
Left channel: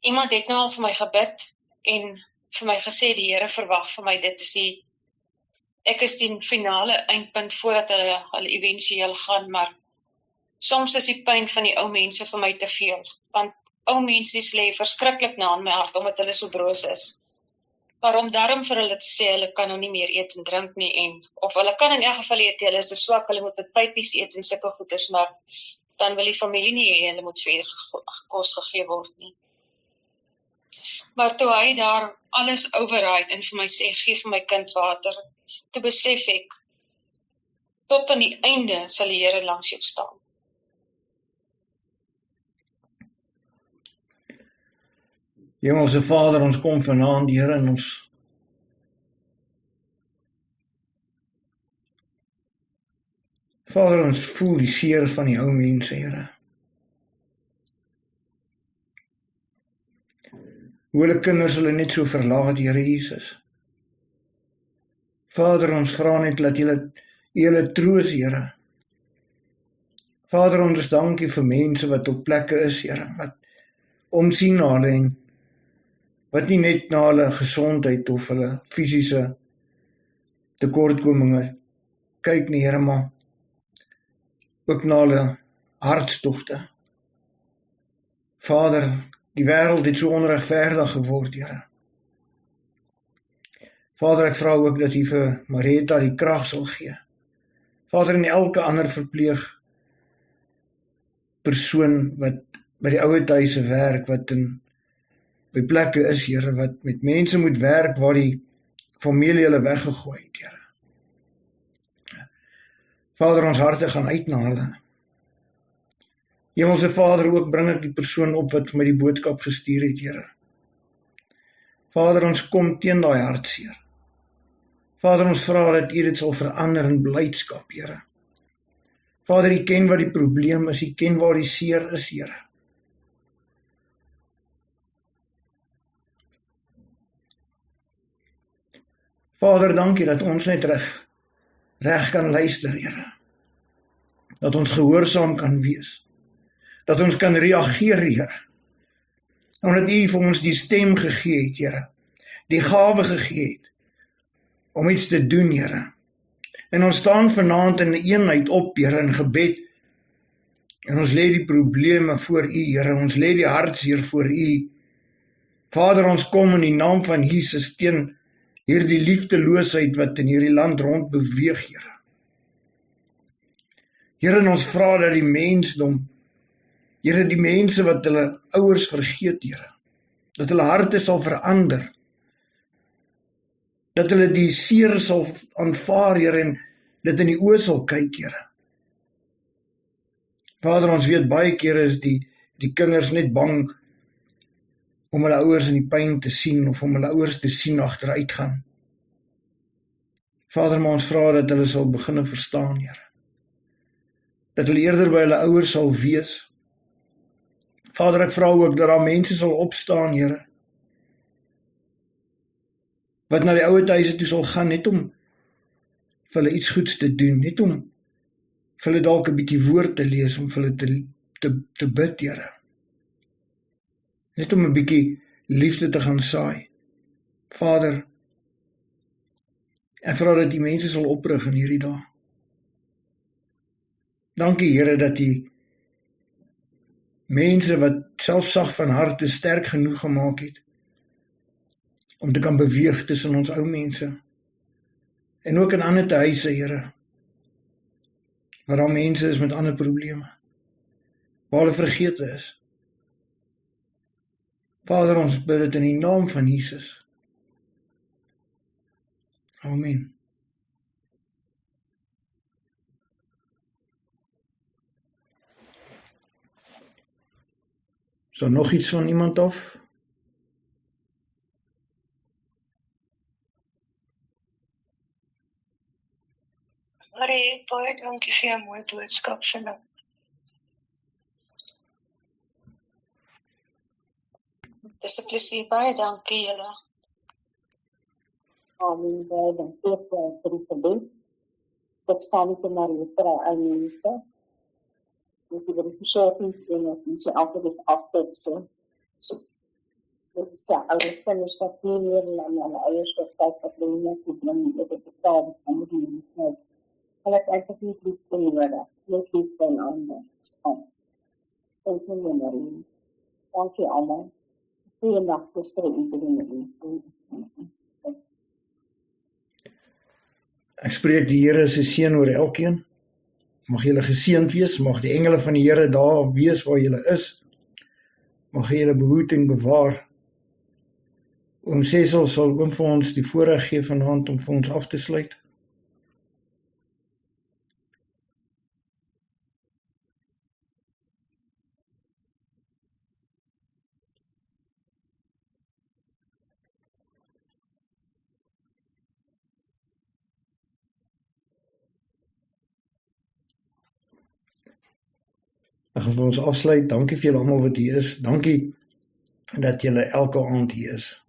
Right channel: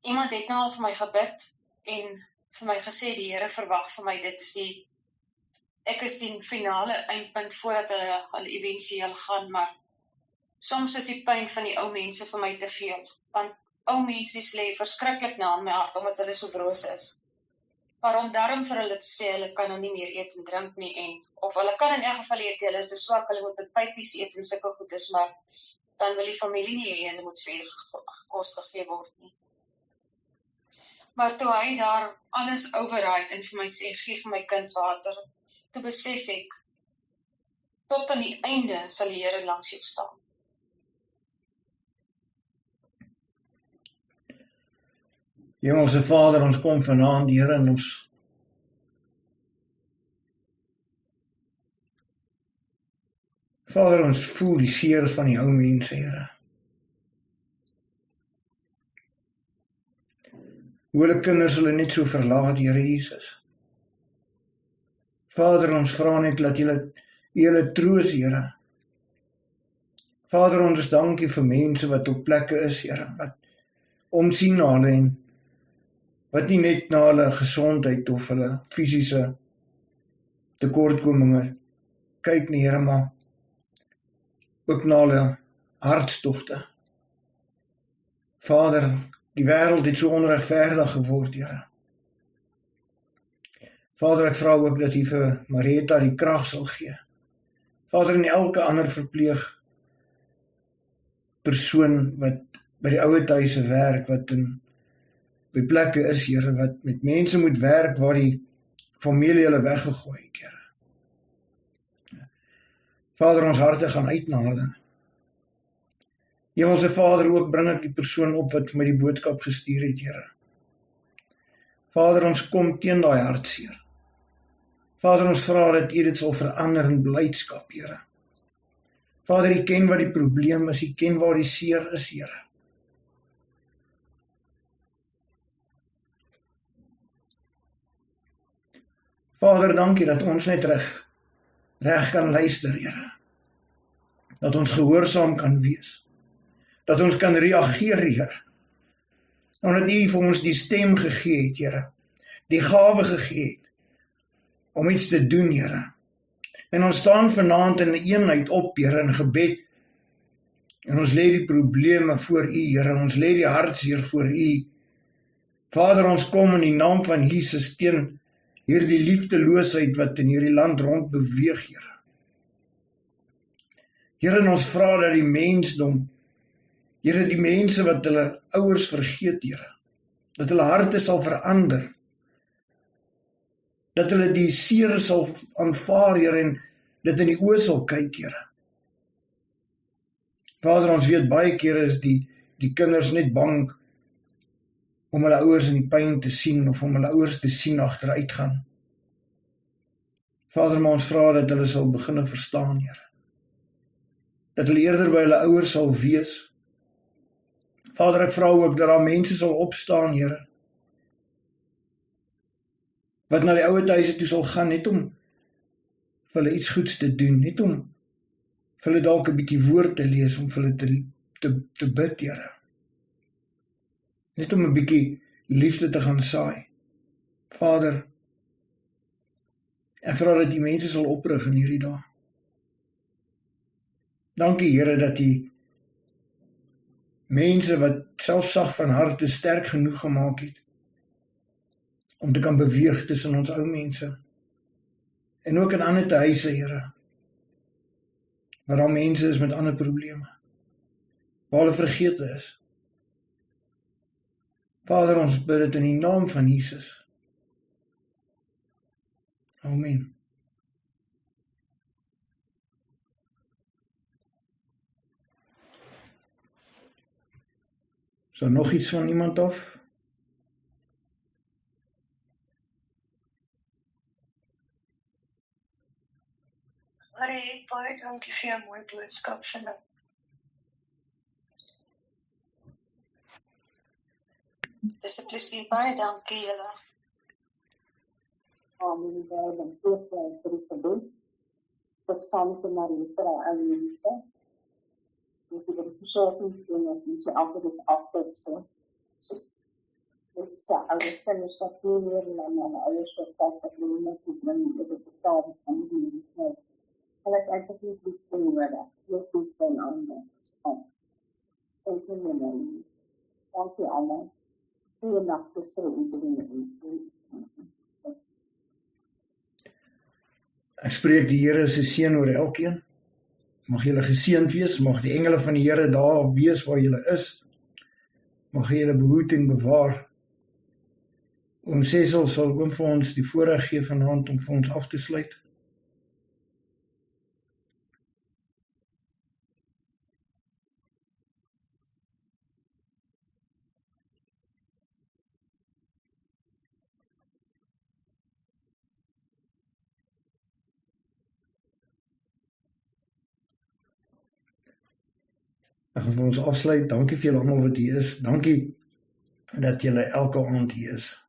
Iemand het nou al vir my gebid en vir my gesê die Here verwag vir my ek is die finale eindpunt voordat hulle eventueel gaan, maar soms is die pyn van die ou mense vir my te veel, want ou mense lê verskriklik na in my hart omdat hulle so broos is. Maar om daarom vir hulle te sê, hulle kan nou nie meer eet en drink nie, of hulle kan in elk geval eet, hulle is te swak, hulle moet met pypies eet en sulke goeders, maar dan wil die familie nie hê, hulle moet vir kos gegee word nie. Maar toe hy daar alles override en vir my sê, gee vir my kind water, toe besef ek, tot aan die einde sal die Here langs jou staan. Hemelse Vader, ons kom vanaand, Here, en ons Vader, ons voel die seer van die ou mense, Here. Hoe hulle kinders hulle net so verlaat, Here Jesus. Vader, ons vra net dat julle troos, Here. Vader, ons dankie vir mense wat op plekke is, Here, wat omsien na hulle en wat nie net na hulle gesondheid of hulle fisiese tekortkominge kyk nie, Here, maar ook na hulle hartstogte. Vader, die wêreld het so onregverdig geword, Here. Vader, ek vra ook dat U vir Marietta die krag sal gee. Vader, en elke ander verpleeg persoon wat by die ouer huise werk, wat by plekke is, Here, wat met mense moet werk waar die familie hulle weggegooi het, Here. Vader, ons harte gaan uit na hulle. Hemelse Vader, ook bring ek die persoon op wat vir my die boodskap gestuur het, Here. Vader, ons kom teen daai hartseer. Vader, ons vra dat U dit sal verander in blydskap, Here. Vader, U ken wat die probleem is, U ken waar die seer is, Here. Vader, dankie dat ons net reg kan luister, Here. Dat ons gehoorsaam kan wees. Dat ons kan reageer, Here. Omdat U vir ons die stem gegee het, Here. Die gawe gegee het om iets te doen, Here. En ons staan vanaand in eenheid op, Here, in gebed. En ons lê die probleme voor U, Here. Ons lê die hartseer voor U. Vader, ons kom in die naam van Jesus teen hierdie liefdeloosheid wat in hierdie land rond beweeg, Here. Here, en ons vra dat die mensdom, Here, die mense wat hulle ouers vergeet, Here, dat hulle harte sal verander, dat hulle die seer sal aanvaar, Here, en dit in die oë sal kyk, Here. Vader, ons weet baie kere is die kinders net bang om hulle ouers in die pyn te sien, of om hulle ouers te sien agteruit gaan. Vader, maar ons vra dat hulle sal begin verstaan, Here. Dat hulle eerder by hulle ouers sal wees. Vader, ek vra ook dat daar mense sal opstaan, Here, wat na die ouer huise toe sal gaan, net om vir hulle iets goeds te doen, net om vir hulle dalk 'n bietjie woord te lees, om vir hulle te bid, Here. Net om 'n bietjie liefde te gaan saai. Vader, ek vra dat die mense sal oprig in hierdie dae. Dankie, Here, dat die mense wat selfsag van harte sterk genoeg gemaak het, om te kan beweeg tussen ons ou mense, en ook in ander huise, Here, waar daar mense is met ander probleme, waar hulle vergete is. Vader, ons bid dit in die naam van Jesus. Amen. So nog iets van iemand af? Marie, baie dankie vir jou mooi boodskap vanaand. Dis 'n plesier, baie dankie julle. Amen, baie dankie vir die gebed. Tot saam met Marie vir al mense. Dit is die versorgingsdienste, ons altyd is agter so. Dit is ouers kinders wat nie meer na hulle ouers kyk wat hulle nie doen nie, dit betaal van die mense. Hulle het eintlik nie lief vir nodig, net lief vir ander. Dankie Marie. Dankie almal. Goeienaand vir iedereen. Ek spreek die Here se seën oor elkeen. Mag julle geseënd wees, mag die engele van die Here daar wees waar julle is. Mag hy julle behoed en bewaar. Oom Cecil sal oom vir ons die voorreg gee vanaand om vir ons af te sluit. Ek gaan vir ons afsluit. Dankie vir julle almal wat hier is. Dankie dat julle elke aand hier is.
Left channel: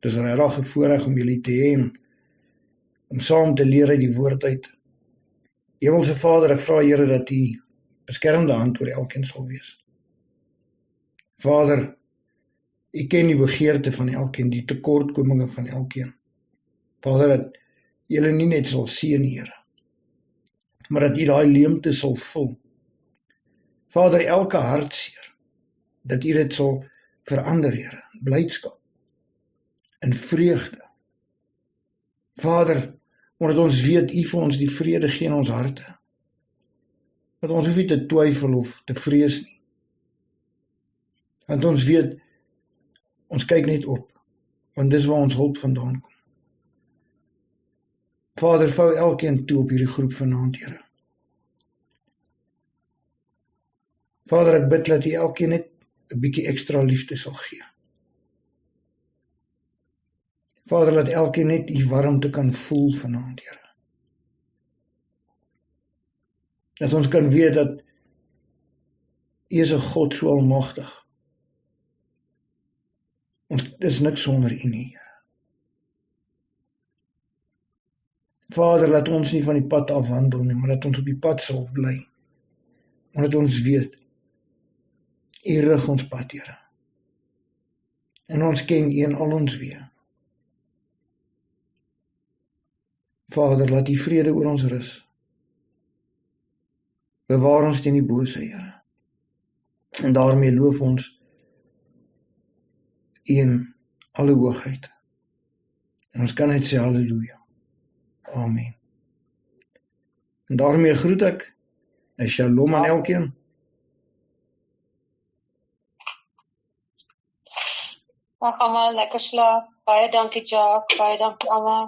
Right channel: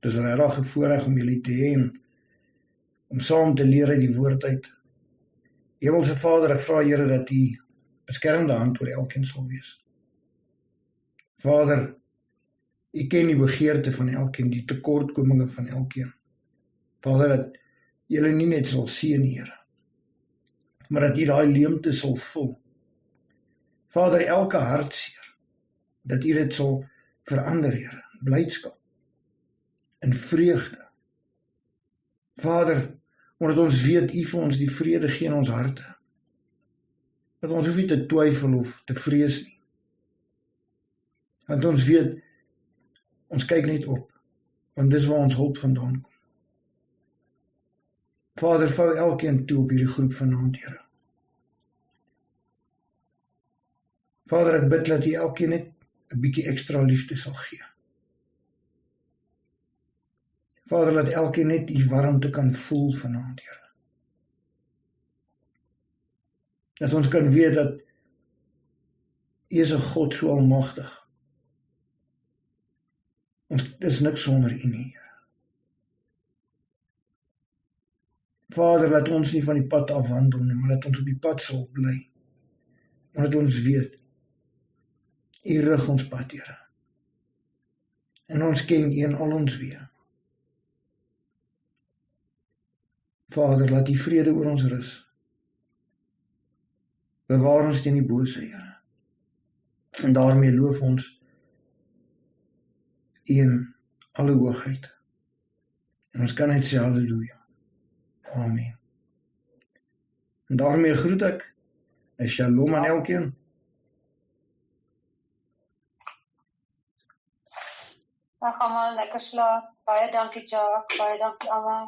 Dit is regtig 'n voorreg om julle te hê en om saam te leer uit die woord uit. Hemelse Vader, ek vra Here dat U beskermende hand oor elkeen sal wees. Vader, U ken die begeerte van elkeen, die tekortkominge van elkeen. Vader, dat julle nie net sal seën, Here, maar dat U daai leemte sal vul. Vader, elke hartseer, dat U dit sal verander, Here, in blydskap, in vreugde. Vader, omdat ons weet U vir ons die vrede gee in ons harte, dat ons hoef nie te twyfel of te vrees nie. Want ons weet, ons kyk net op, want dis waar ons hulp vandaan kom. Vader, vou elkeen toe op hierdie groep vanaand, Here. Vader, ek bid dat U elkeen net 'n bietjie ekstra liefde sal gee. Vader, laat elkeen net U warmte kan voel vanaand, Here. Dat ons kan weet dat U is 'n God so almagtig. Ons is niks sonder U nie, Here. Vader, laat ons nie van die pad afwandel nie, maar dat ons op die pad sal bly. Omdat ons weet, U rig ons pad, Here. En ons ken U in al ons weë. Vader, laat U vrede oor ons rus. Bewaar ons teen die bose, Here. En daarmee loof ons U in alle hoogheid. En ons kan net sê halleluja. Amen. En daarmee groet ek 'n shalom aan elkeen. Dag almal, lekker slaap. Baie dankie Jacques, baie dankie almal.